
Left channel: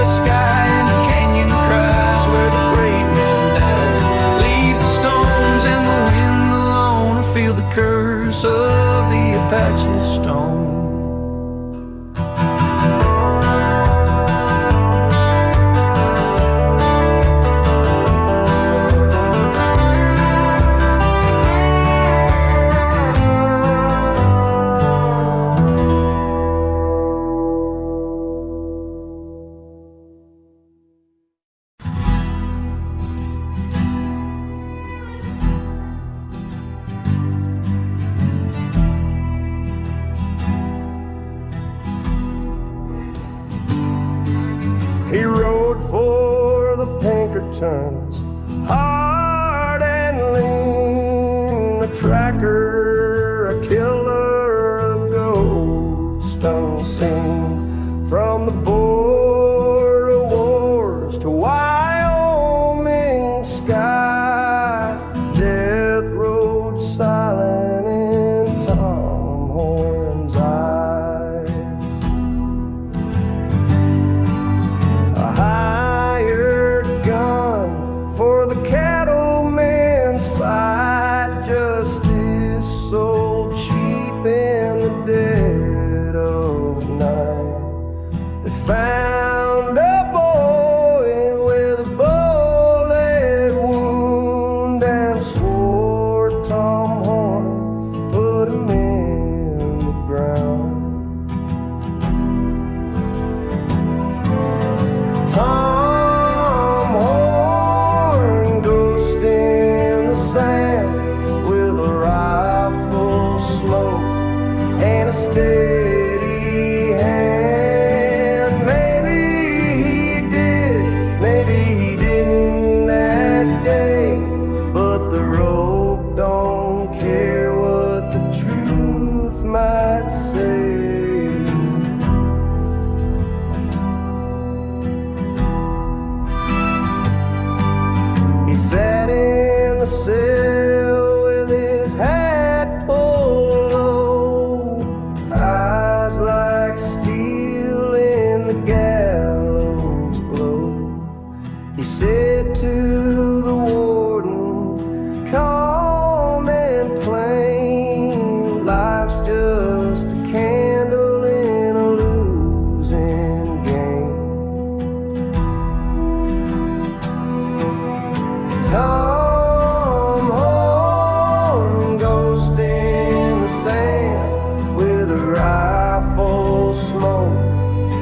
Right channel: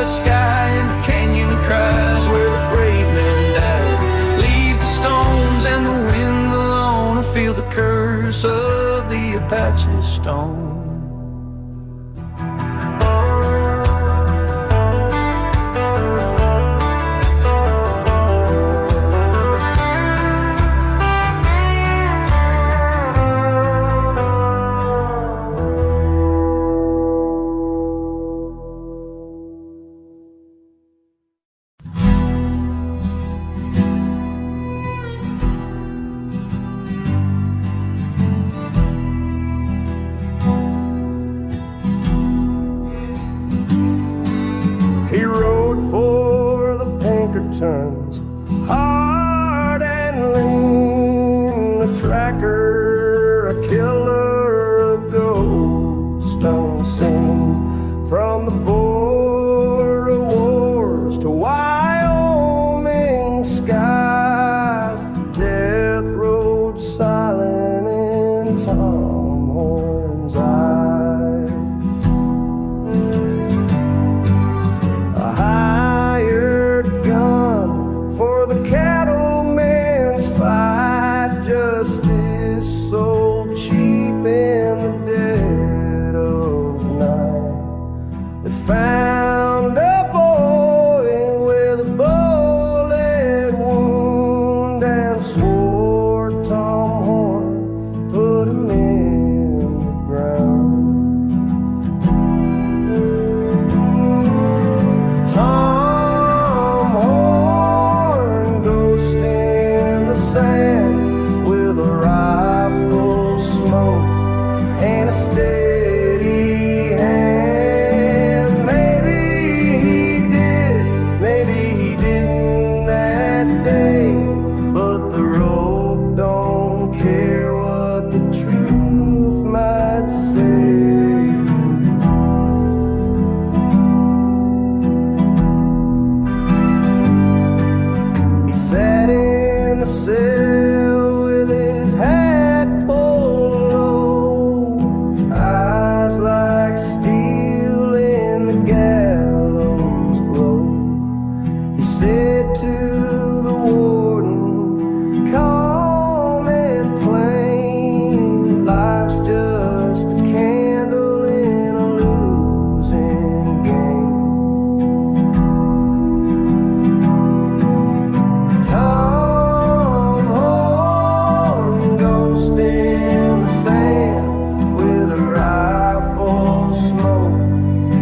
the sky and the canyon cries where the brave men die. Leave the stones and the wind alone, or feel the curse of the Apache stone. He rode for the Pinkertons, hard and lean, a tracker, a killer, a ghost unseen. From the border wars to Wyoming skies, death rode silent in Tom Horn's eyes. A hired gun for the cattleman's fight, justice sold cheap in the dead of night. They found a boy with a bullet wound and swore Tom Horn put him in the ground. Tom Horn, ghost in the sand, with a rifle smoke and a steady hand. Maybe he did, maybe he didn't that day, but the rope don't care what the truth might say. Sat in the cell with his hat pulled low, eyes like steel in the gallows glow. He said to the warden, calm and plain, life's just a candle in a losing game. Tom Horn, ghost in the sand, with a rifle smoke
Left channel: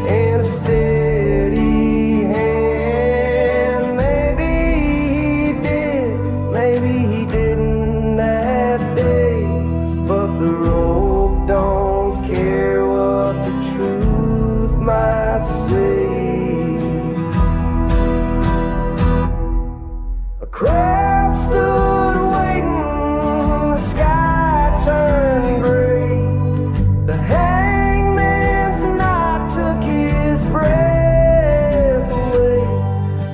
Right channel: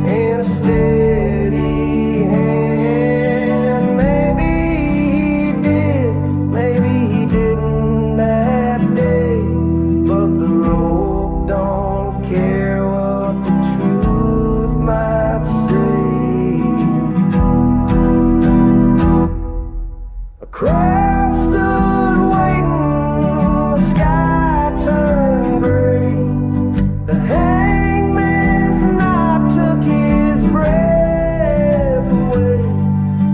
and a steady hand. Maybe he did, maybe he didn't that day, but the rope don't care what the truth might say. A crowd stood waiting, the sky turned gray. The hangman's knife took his breath away,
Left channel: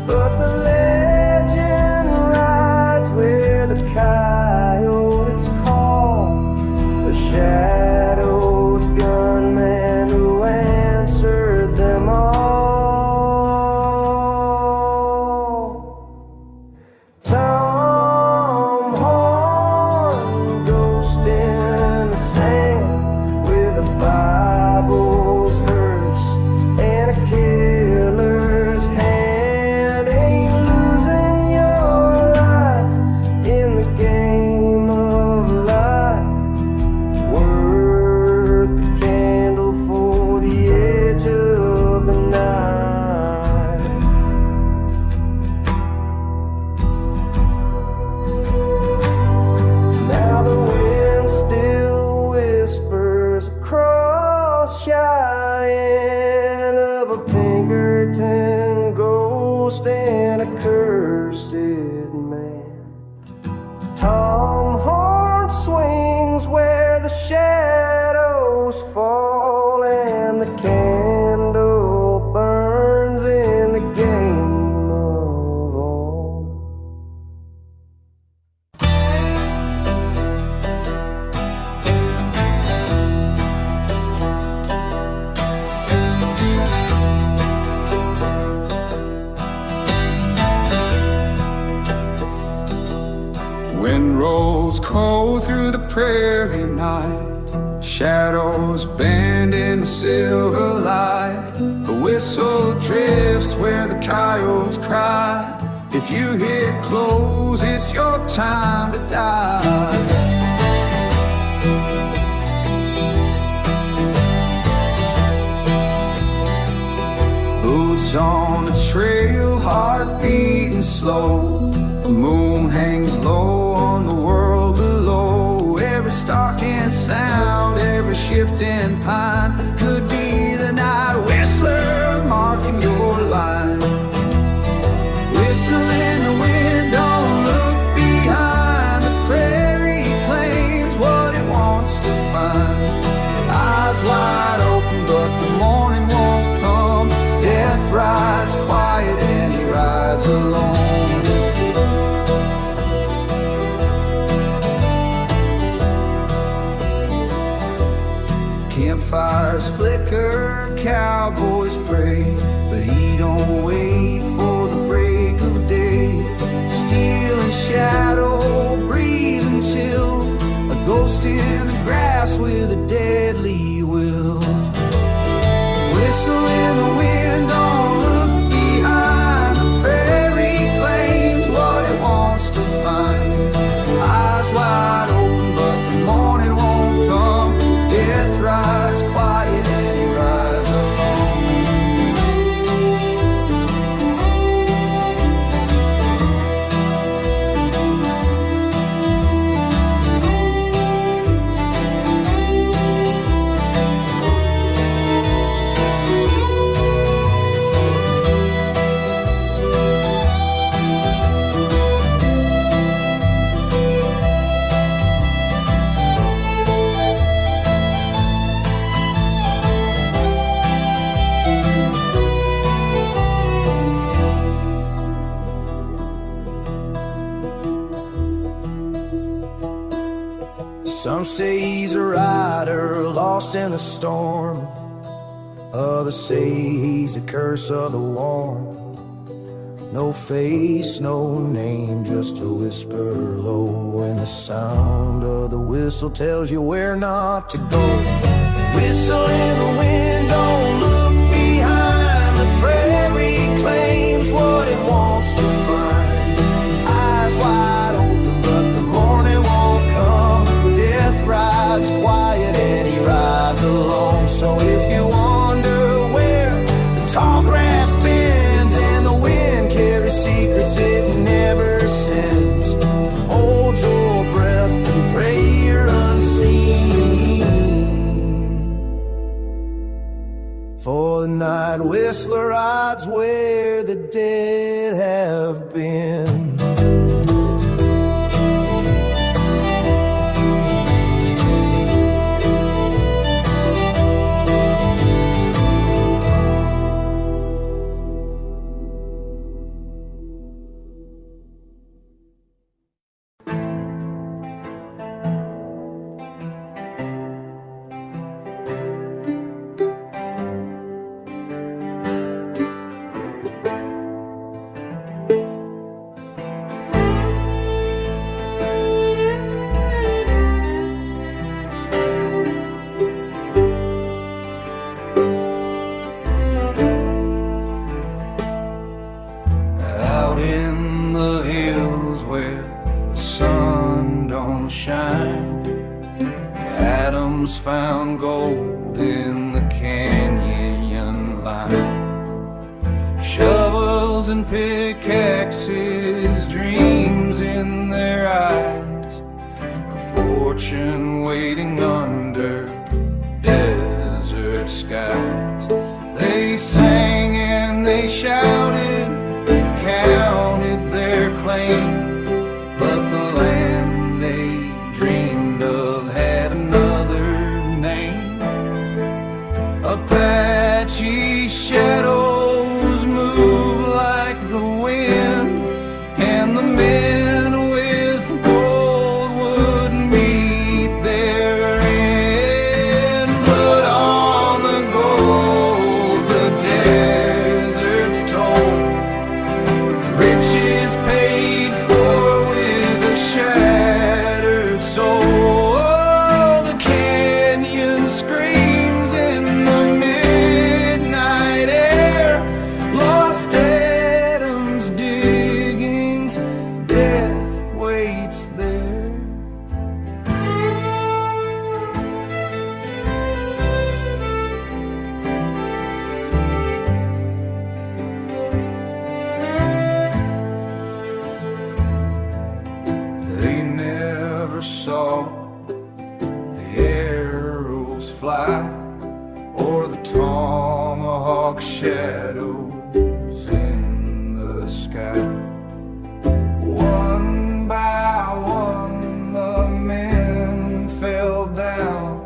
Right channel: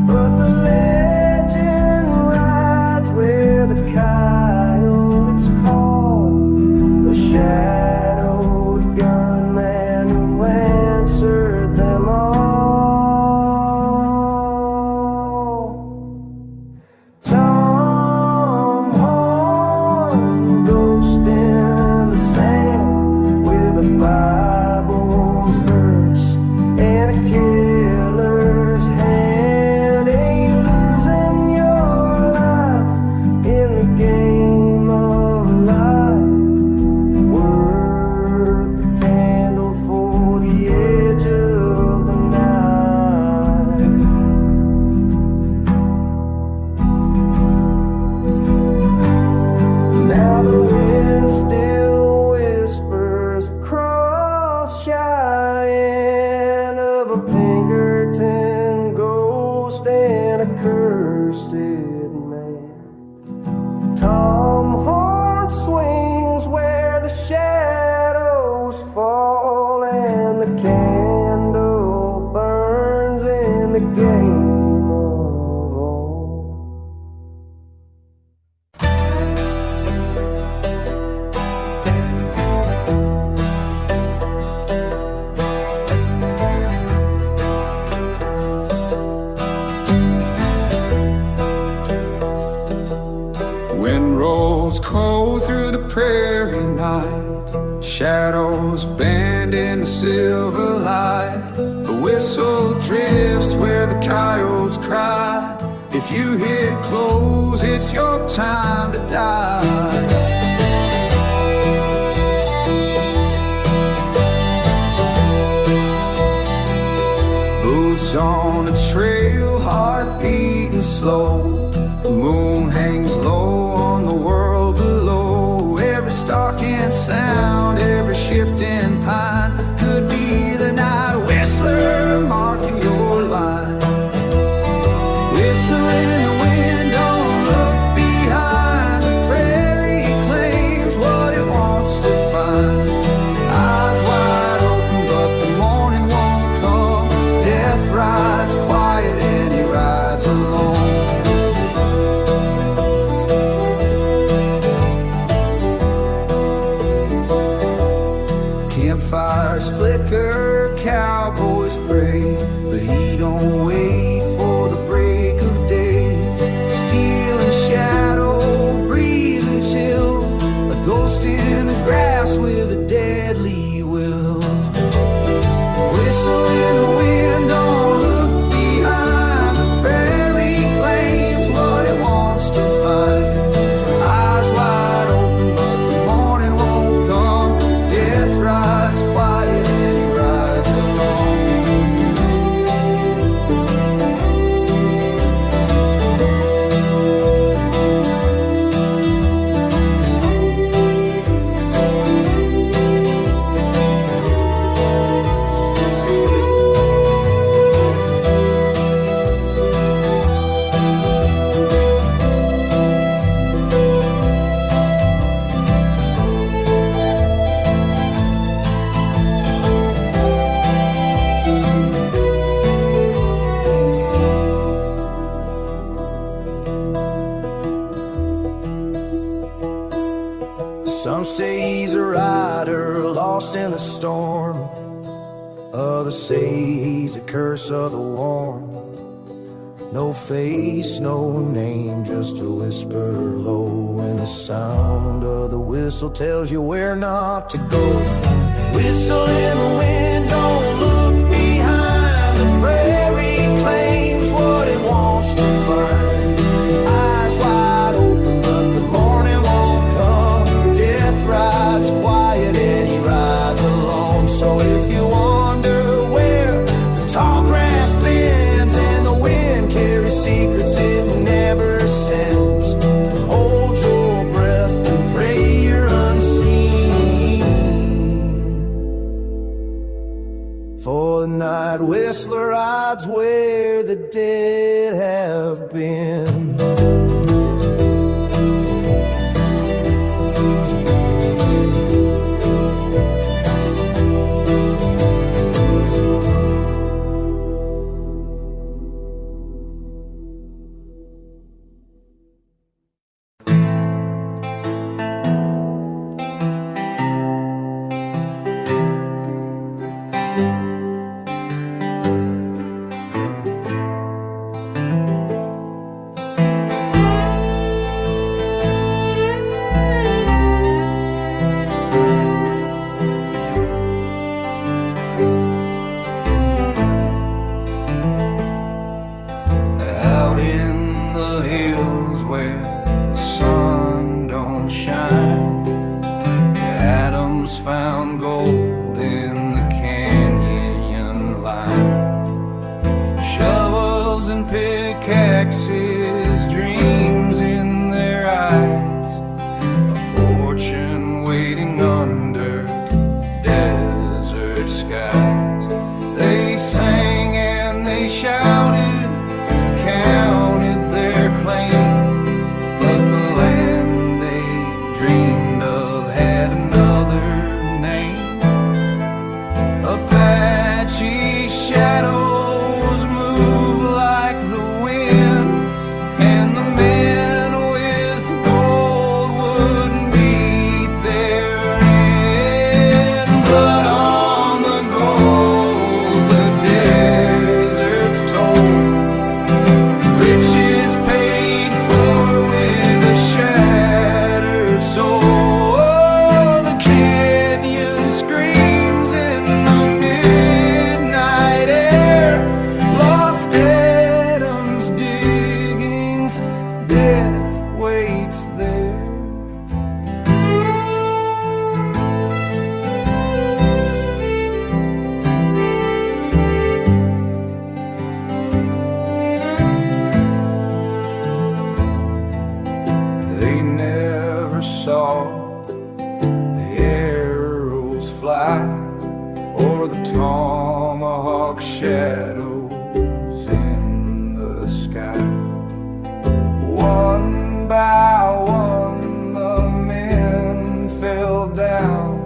but the legend rides where the coyotes call, the shadowed gunman who answered them all. Tom Horn, ghost in the sand, with a Bible's verse and a killer's hand. Ain't losing your life in the game of life worth the candle for the edge of the night. Now the wind still whispers across Cheyenne of a Pinkerton ghost and a cursed man. Tom Horn swings where the shadows fall, and the candle burns in the game of all. Oh, through the prairie night, shadows bend in the silver light. The whistle drifts where the coyotes cry. If you hit close, it's your time to die. Boots on the trail, heart beating slow. The moon hangs low on the world below. Every stalk and sound, every shifting pine could be the night whistler marking your line. Whistle in the wind, don't look behind. The prairie claims what it wants to find. Eyes wide open, but the morning won't come. Death rides quiet and he rides alone. Campfires flicker, cowboys pray, but he don't wait for the break of day. Steel and shadow, breathing chill, a ghost in the grass with a deadly will. Whistle in the wind, don't look behind. The prairie claims what it wants to find. Eyes wide open, but the morning won't come. Death rides quiet and he rides alone. Some say he's a rider lost in the storm. Others say he's the curse of the warm. No face, no name, just a whisper low. And the sound of the whistle tells you where not to go. Whistle in the wind, don't look behind. The prairie claims what it wants to find. Eyes wide open, but the morning won't come. Death rides quiet and he rides alone. So if you wonder where the tall grass bends and the wind carries secrets it never sends, hold your breath and pray you're unseen. For the night whistler rides where the dead have been. Found gold in the canyon line. Shovels and pickaxes, dreams in their eyes. A fortune waiting under desert skies. They sang and they shouted, counted their claim, but the land they dreamed of had another name. Apache shadows move like the wind, and the men with gold would meet their end. But on the gold the deserts told, riches paid for with a shattered soul. or the tomahawk shadows in the sky. One by one the men fell down,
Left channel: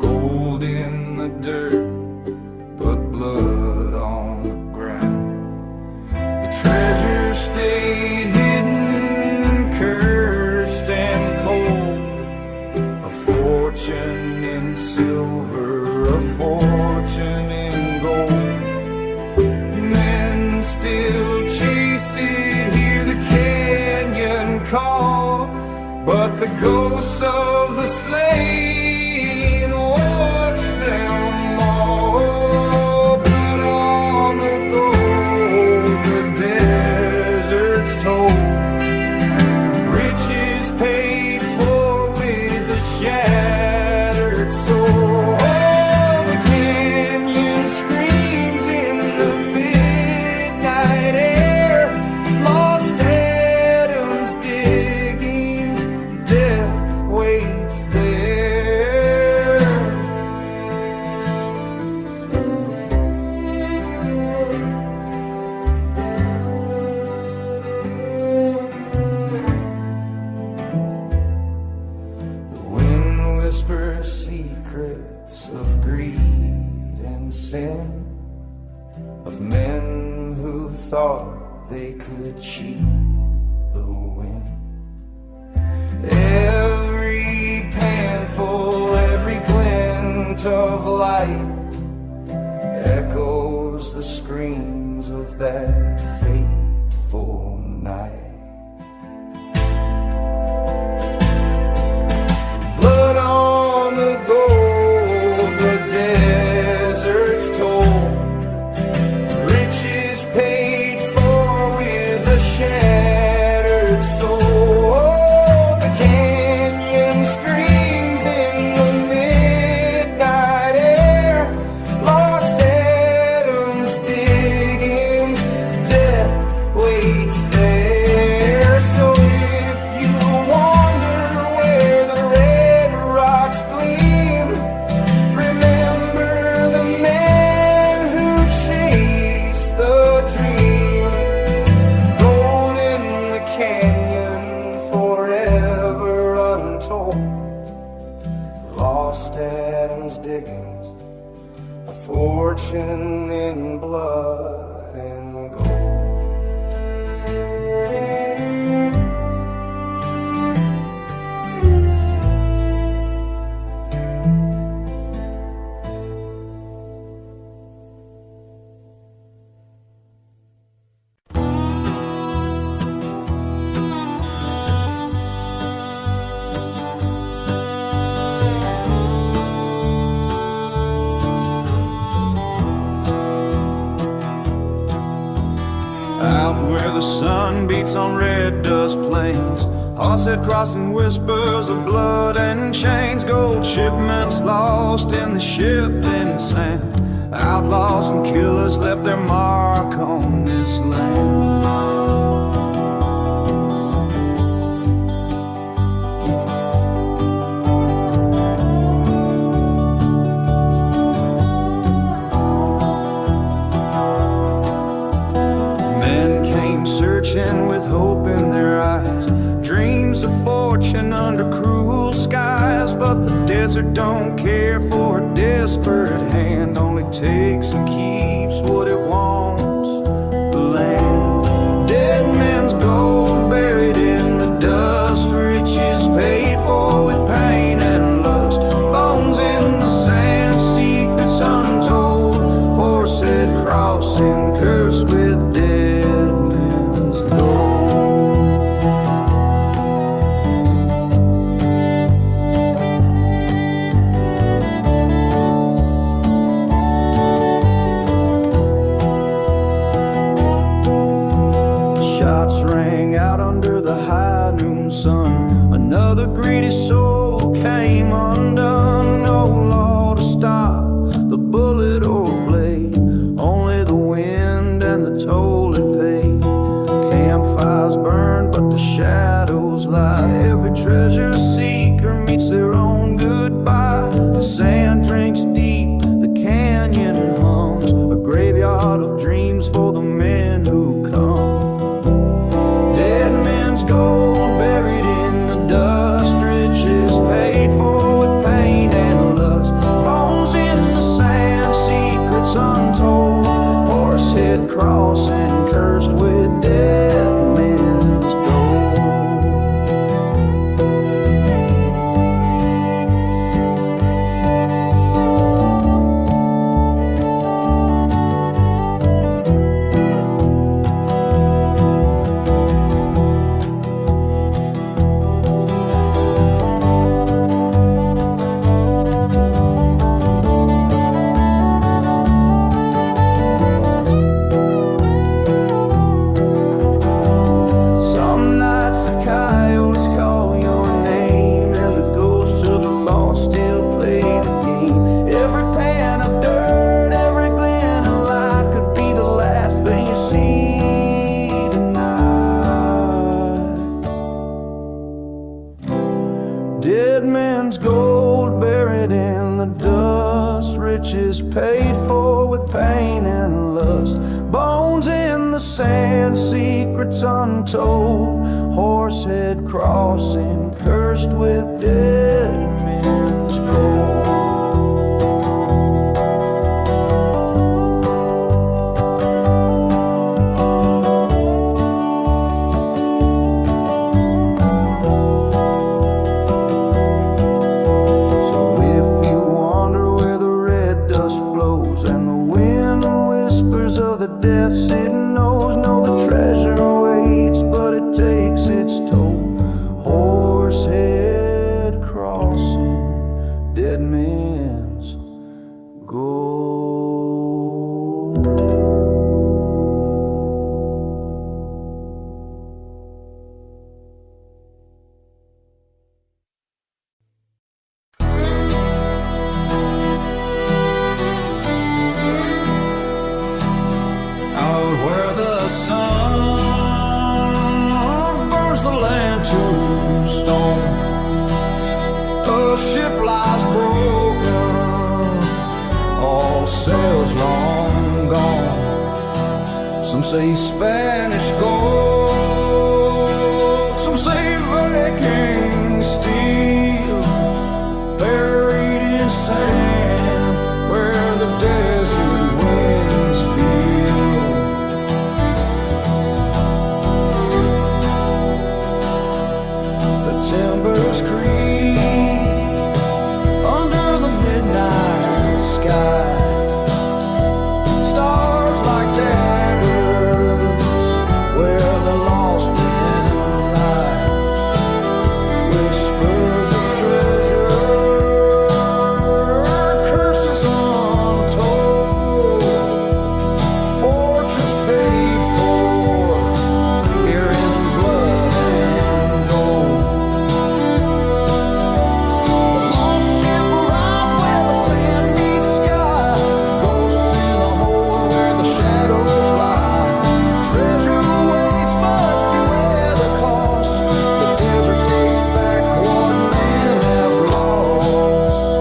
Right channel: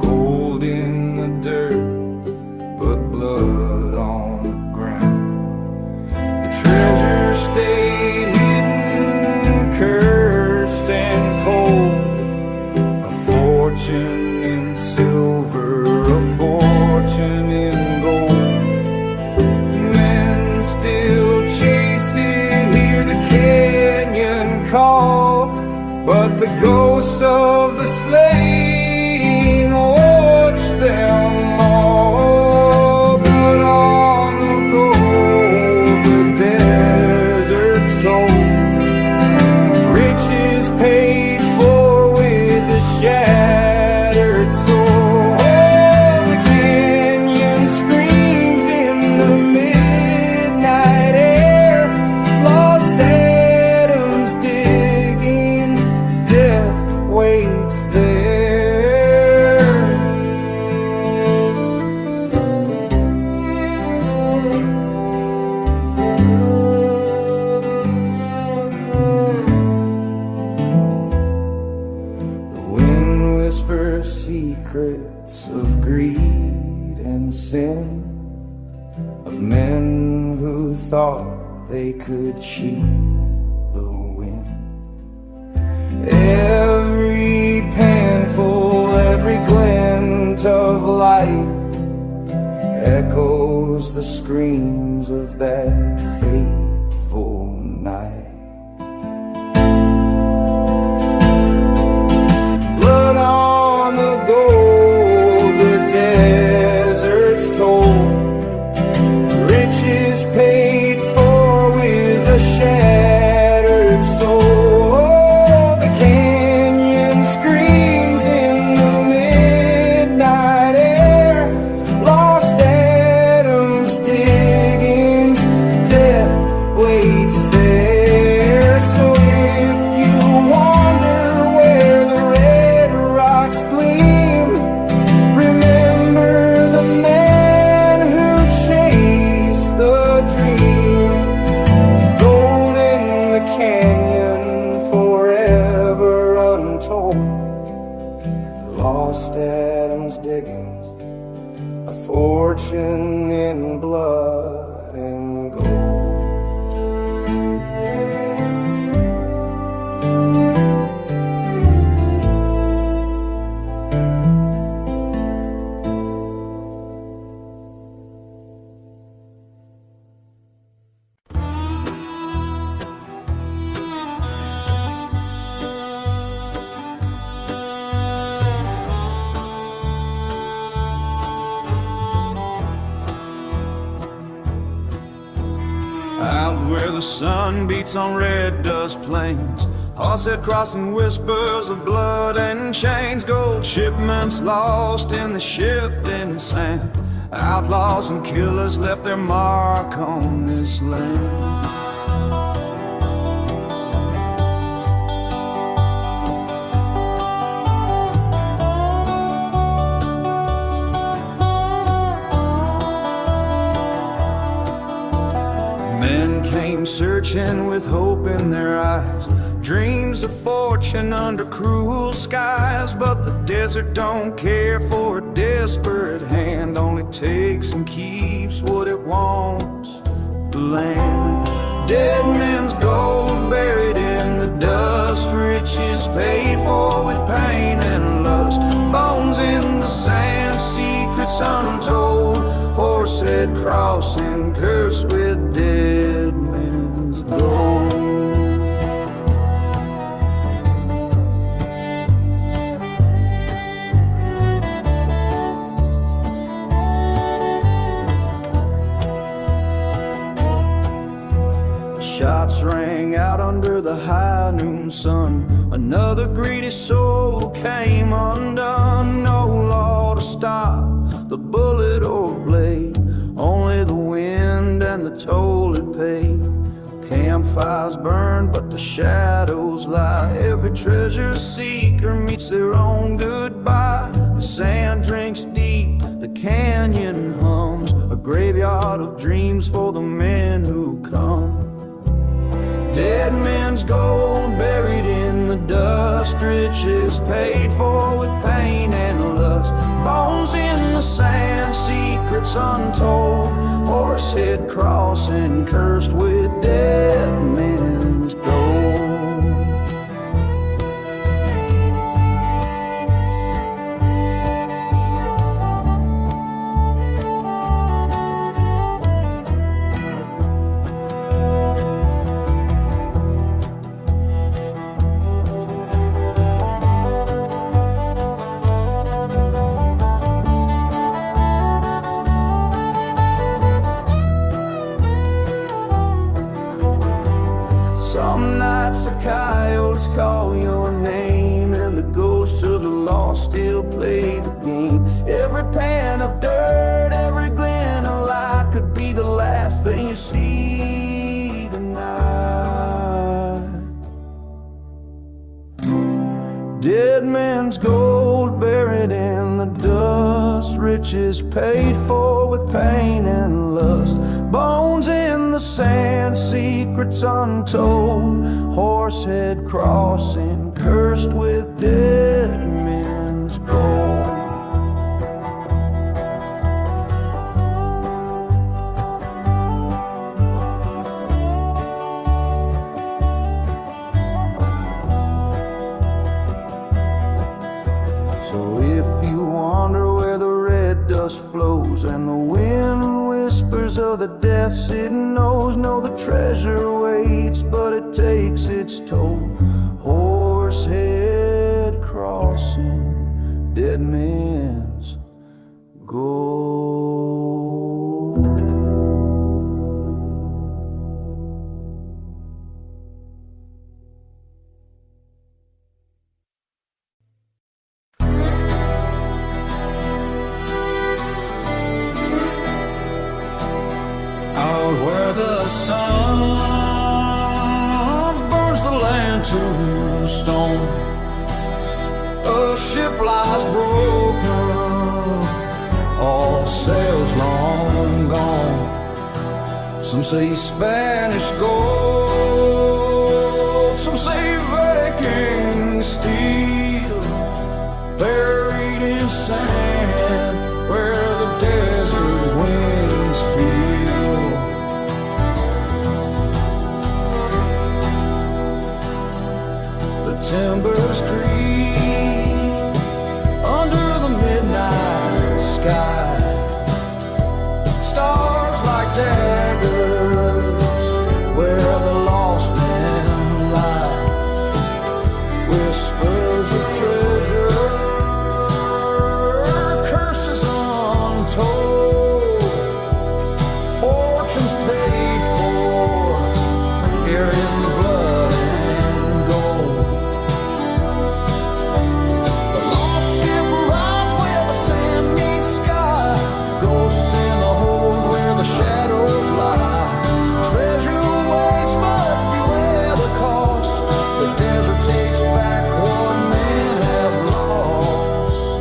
gold in the dirt, but blood on the ground. The treasure stayed hidden, cursed and cold. A fortune in silver, a fortune in gold. Men still chase it, hear the canyon call, but the ghosts of the slain watch them all. Blood on the gold, the desert's told, riches paid for with a shattered soul. Oh, the canyon screams in the midnight air, lost Adam's diggings, death waits there. The wind whispers secrets of greed and sin, of men who thought they could cheat the wind. Every panful, every glint of light echoes the screams of that fateful night. Blood on the gold, the desert's told, riches paid for with a shattered soul. Oh, the canyon screams in the midnight air, lost Adam's diggings, death waits there. So if you wonder where the red rocks gleam, remember the man who chased the dream. Gold in the canyon, forever untold, lost Adam's diggings, a fortune in blood and gold. Out where the sun beats on red dust plains, Horsehead crossing whispers of blood and chains. Gold shipments lost in the shifting sand, outlaws and killers left their mark on this land. Men came searching with hope in their eyes, dreams of fortune under cruel skies. But the desert don't care for a desperate hand, only takes and keeps what it wants, the land. Dead men's gold buried in the dust, riches paid for with pain and lust. Bones in the sand, secrets untold, Horsehead crossing cursed with dead men's gold. Shots rang out under the high noon sun, another greedy soul came undone. No law to stop the bullet or blade, only the wind and the toll it paid. Campfires burn, but the shadows lie. Every treasure seeker meets their own goodbye. The sand drinks deep canyon hums, a graveyard of dreams for the men who come. Dead men's gold buried in the dust, riches paid for with pain and lust. Bones in the sand, secrets untold, horsehead crossing cursed with dead men's gold. Some nights the coyotes call your name, and the ghosts of the lost still play the game. Every pan of dirt, every glen of light could be the last thing you see tonight. Dead men's gold buried in the dust, riches paid for with pain and lust. Bones in the sand, secrets untold, horsehead crossing cursed with dead men's gold. So if you wonder where the red dust flows and the wind whispers of the death it knows, know the treasure waits, but it takes its toll. Horsehead crossing dead men's gold. Out where the sun burns the land to stone, a ship lies broken, all sails long gone. Some say Spanish gold, some say Viking steel, buried in sand where the desert winds feel. The timbers creak under the midnight sky, stars like daggers where the lost men lie. Whispers of treasure, curses untold, fortunes paid for here in blood and gold. The lost ship rides where the sand meets sky, ghosts in the hold where the shadows lie. Treasure waits, but beware the cost. The desert takes back what men have lost.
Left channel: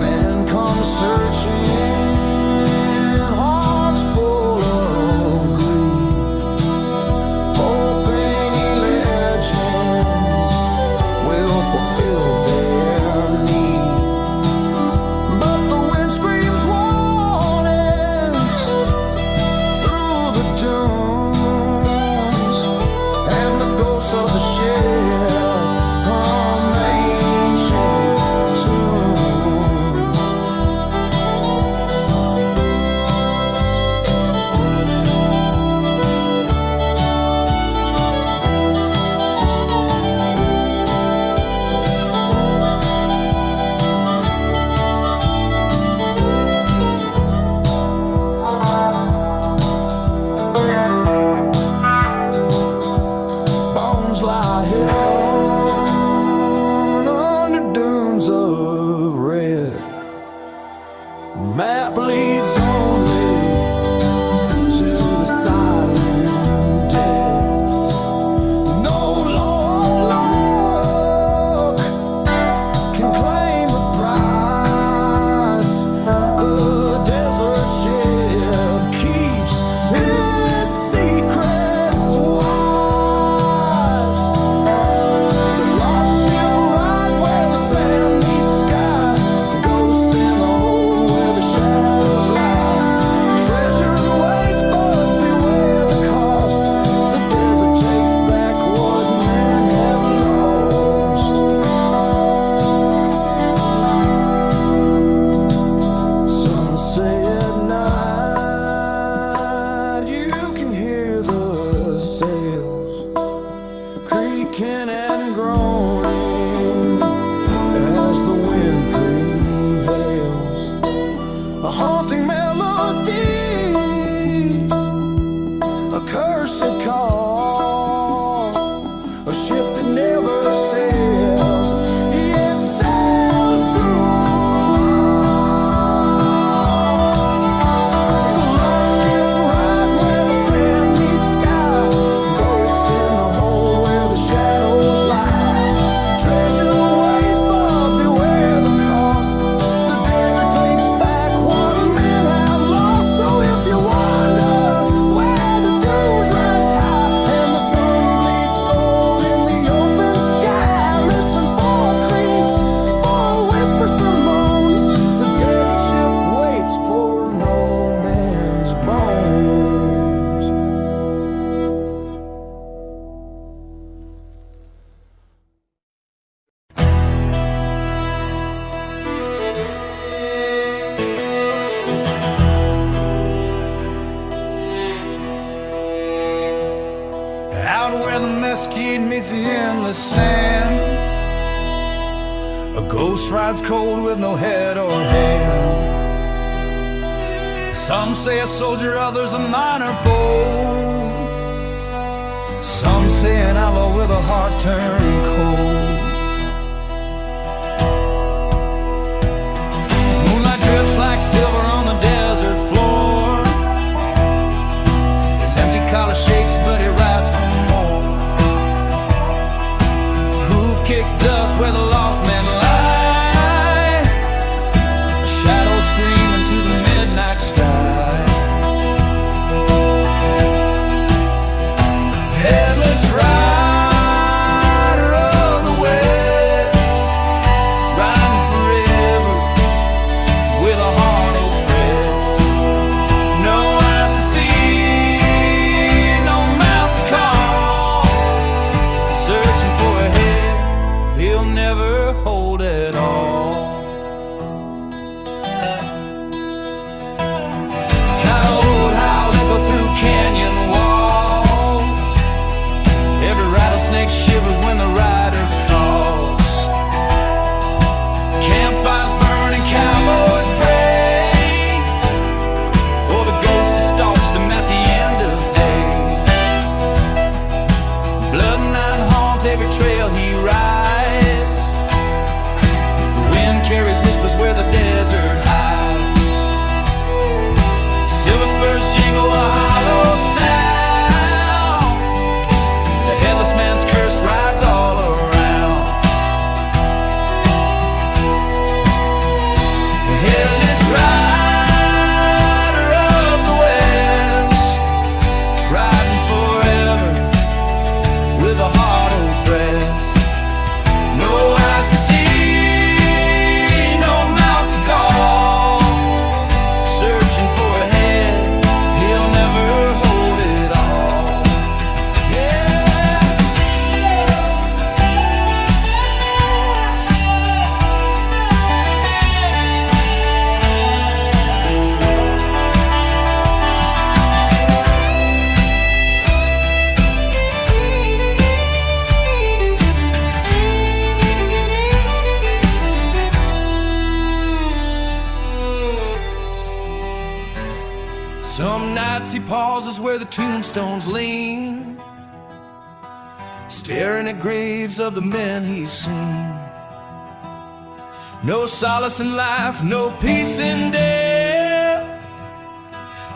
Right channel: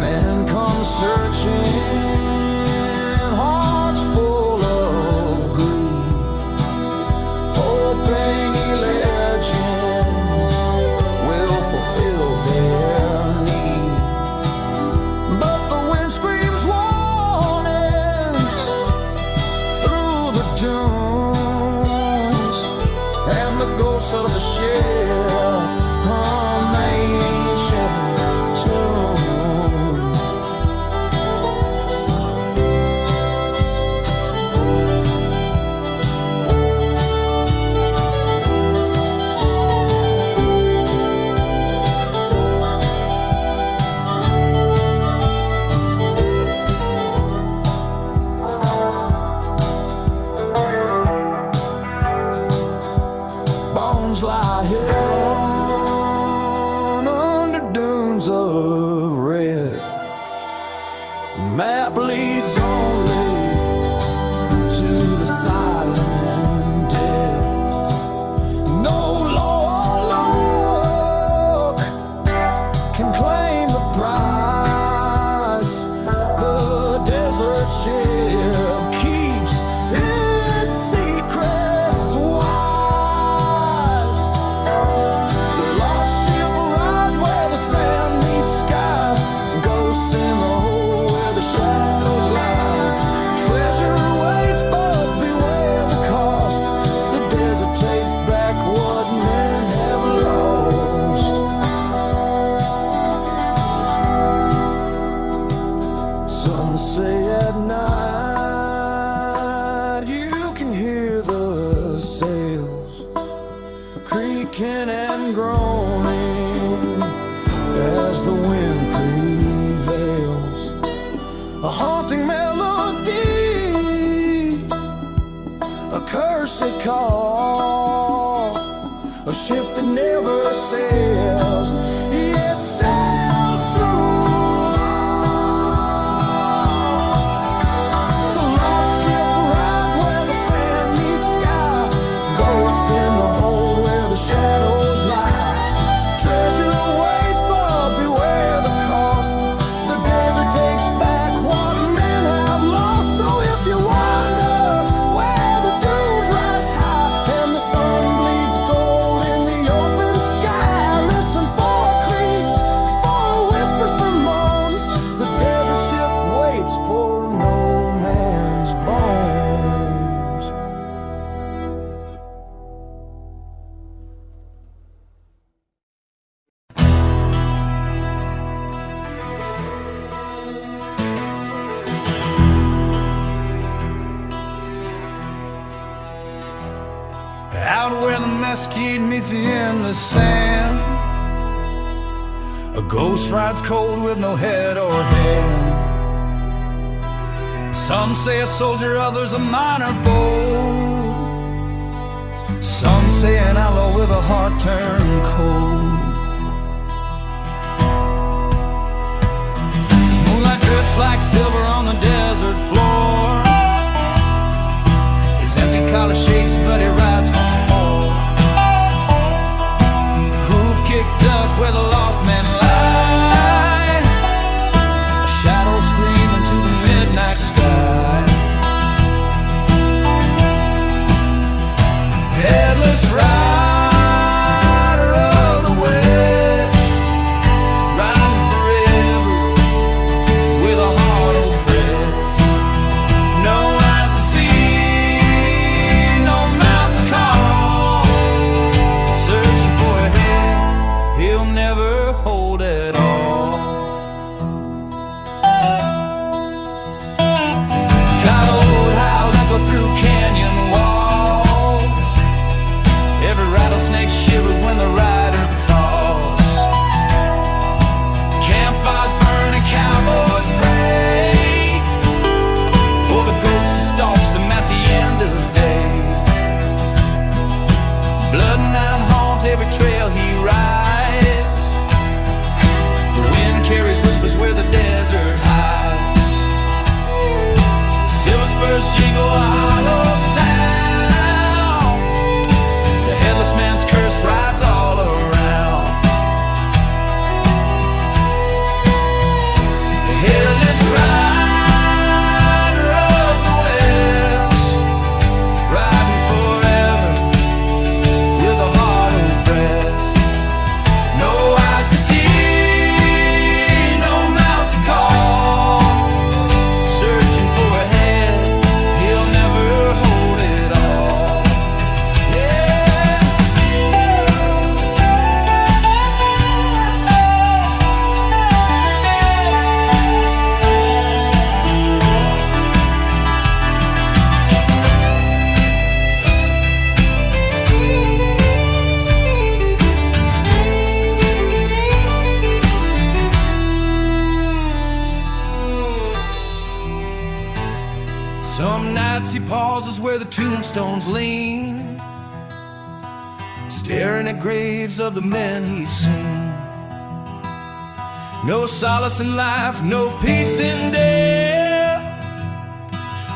Men come searching, hearts full of greed, hoping legends will fulfill their need. But the wind screams warnings through the dunes, and the ghosts of the ship hum ancient tunes. Bones lie hidden under dunes of red. Map leads only to the silent dead. No law or luck that never sails, yet sails through. The lost ship rides where the sand meets sky, ghosts in the hole where the shadows lie. Treasure waits, but beware the cost. The desert takes back what men have lost. So if you wonder where the dunes rise high and the sun bleeds gold in the open sky, listen for creaks, for whispers, for moans. The desert ship waits for no man's bones. Out where the mesquite meets the endless sand, a ghost rides cold with no head or hand. Some say a soldier, others a miner bold. Some say an outlaw with a heart turned cold. Moonlight drips like silver on the desert floor. His empty collar shakes, but he rides for more. Hoof kick dust where the lost men lie. A shadow scream into the midnight sky. Headless rider of the West, riding forever with a heart oppressed. No eyes to see, no mouth to call. Searching for a head he'll never hold at all. Coyote howl echo through canyon walls. Every rattlesnake shivers when the rider calls. Campfires burn and cowboys pray for the ghost that stalks them at the end of day. Blood and iron haunt every trail he rides. The wind carries whispers where the desert hides. Silver spurs jingle a hollow sound. The headless man's curse rides all around. The headless rider of the West, riding forever with a heart oppressed. No eyes to see, no mouth to call. Searching for a head he'll never hold it all. Yeah. Some nights he pauses where the tombstones lean, staring at graves of the men he's seen. No solace in life, no peace in death,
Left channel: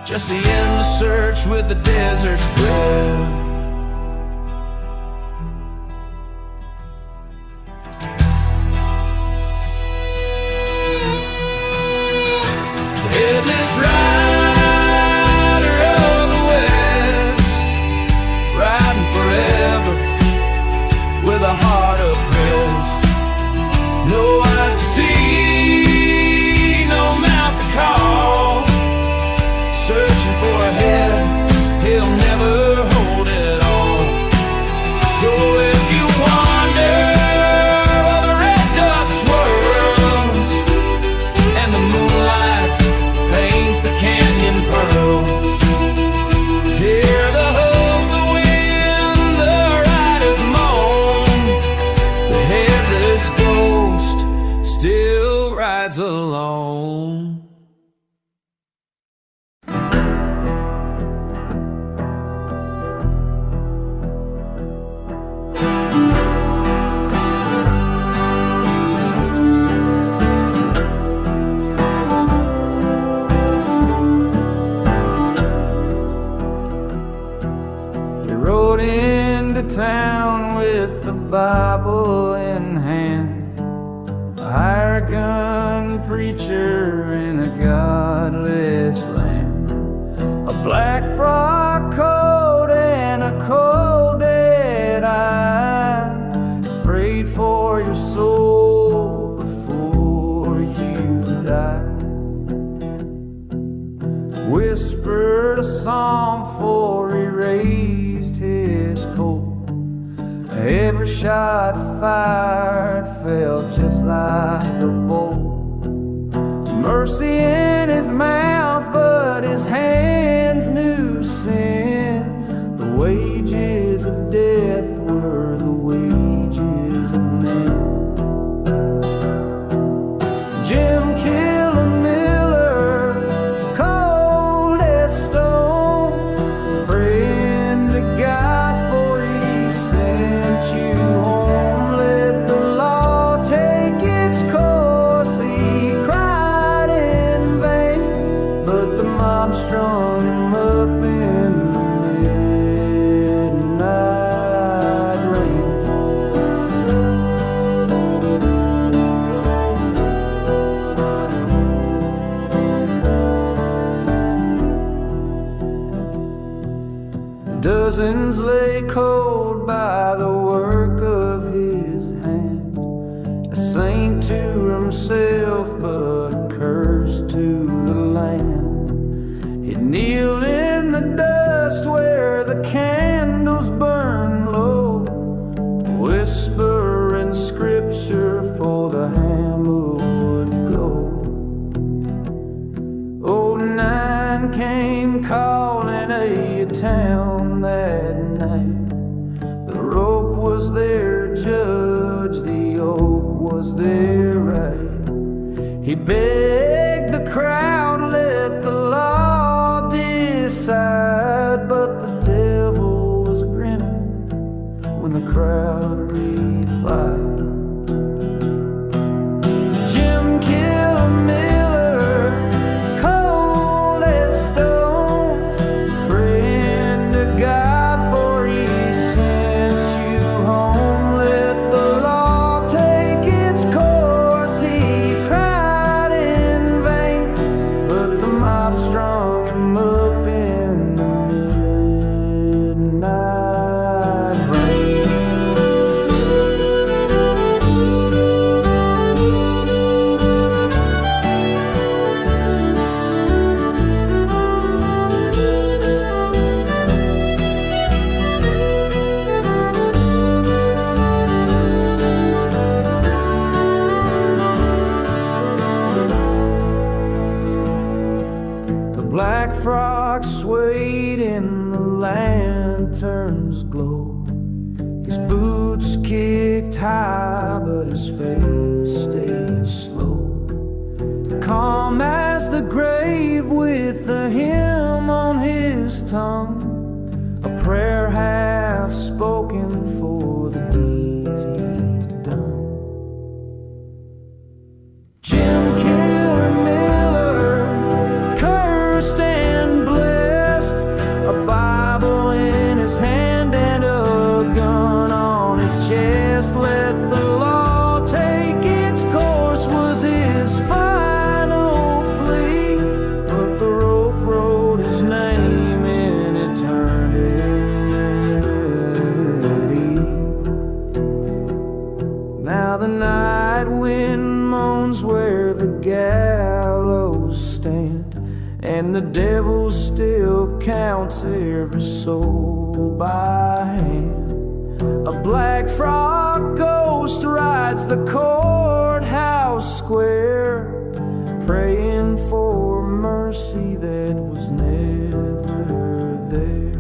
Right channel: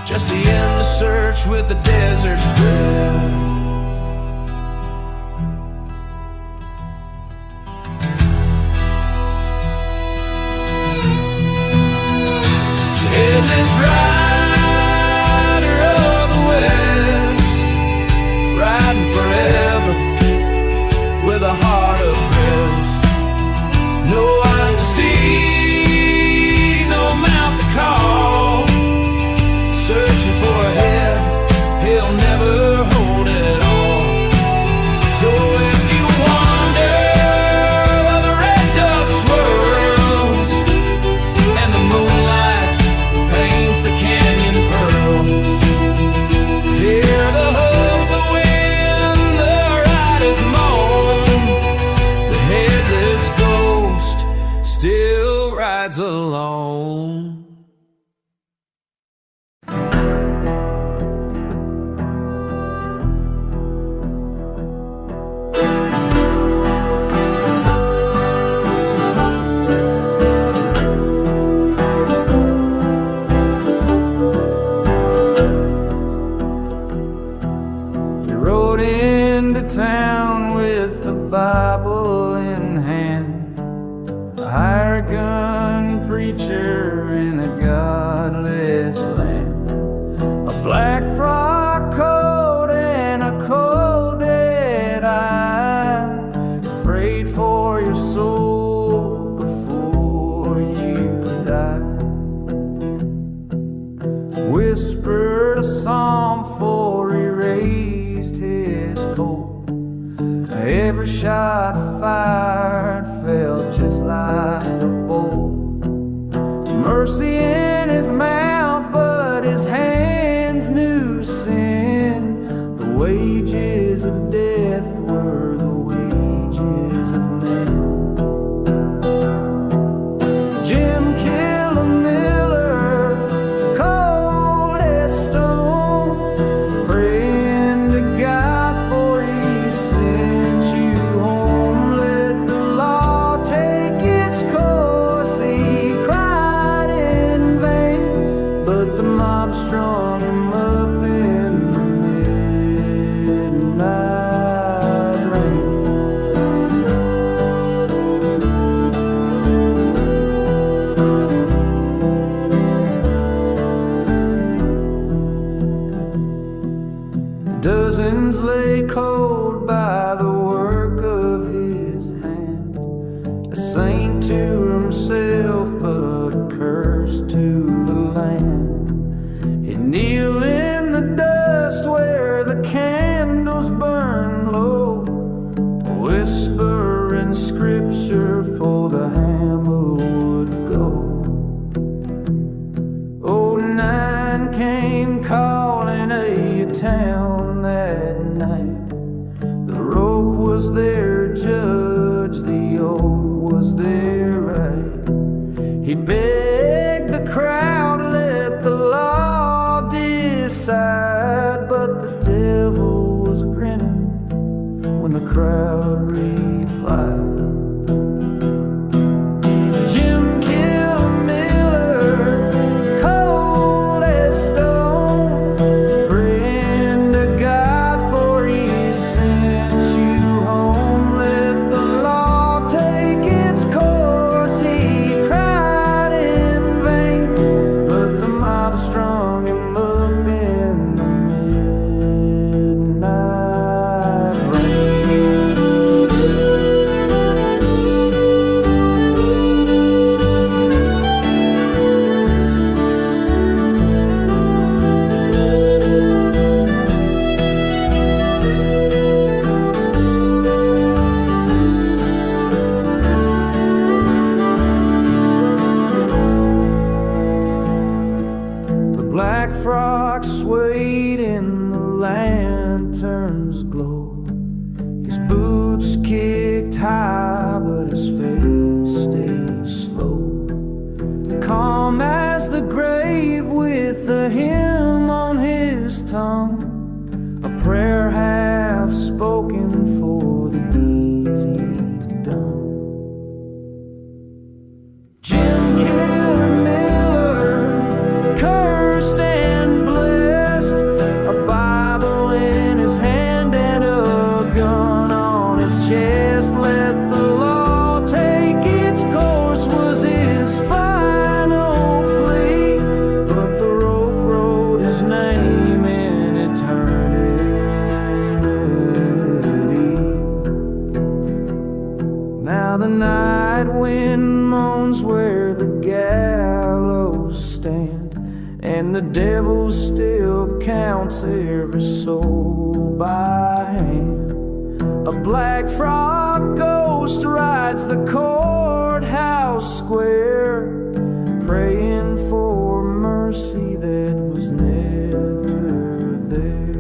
just the endless search with the desert's breath. Headless rider of the West, riding forever with a heart oppressed. No eyes to see, no mouth to call. Searching for a head he'll never hold it all. So if you wonder where the red dust swirls and the moonlight paints the canyon pearls, hear the hooves, the wind, the riders moan. The headless ghost still rides alone. Bible in hand. A hired gun preacher in a godless land. A black frock coat and a cold dead eye. Prayed for your soul before you died. Whispered a psalm before he raised his coat. Every shot fired felt just like a bolt. Mercy in his mouth, but his hands knew sin. The wages of death were the wages of men. Jim killed a miller, cold as stone, praying to God for he sent you home. Let the law take its course, he cried in vain, but the mob strung him up in the midnight rain. Dozens lay cold by the work of his hand. A saint to himself, but a curse to the land. He'd kneel in the dust where the candles burn low, whispering scripture for the hammer would go. Old Nine came calling a town that night. The rope was their judge, the oak was their right. He begged the crowd, let the law decide, but the devil was grinning when the crowd replied. Jim killed a miller, cold as stone, praying to God for he sent you home. Let the law take its course, he cried in vain, but the mob strung him up in the midnight rain. The black frock swayed in the lantern's glow. His boots kicked high, but his face stayed slow. Calm as the grave with a hymn on his tongue, a prayer half spoken for the deeds he'd done. Jim killed a miller, cursed and blessed, a Bible in his hand and a gun on his chest. Let the law take its course was his final plea, but the rope wrote his name in eternity. Now the night wind moans where the gallows stand, and the devil still counts every soul by hand. A black frock ghost rides the courthouse square, praying for mercy that was never there.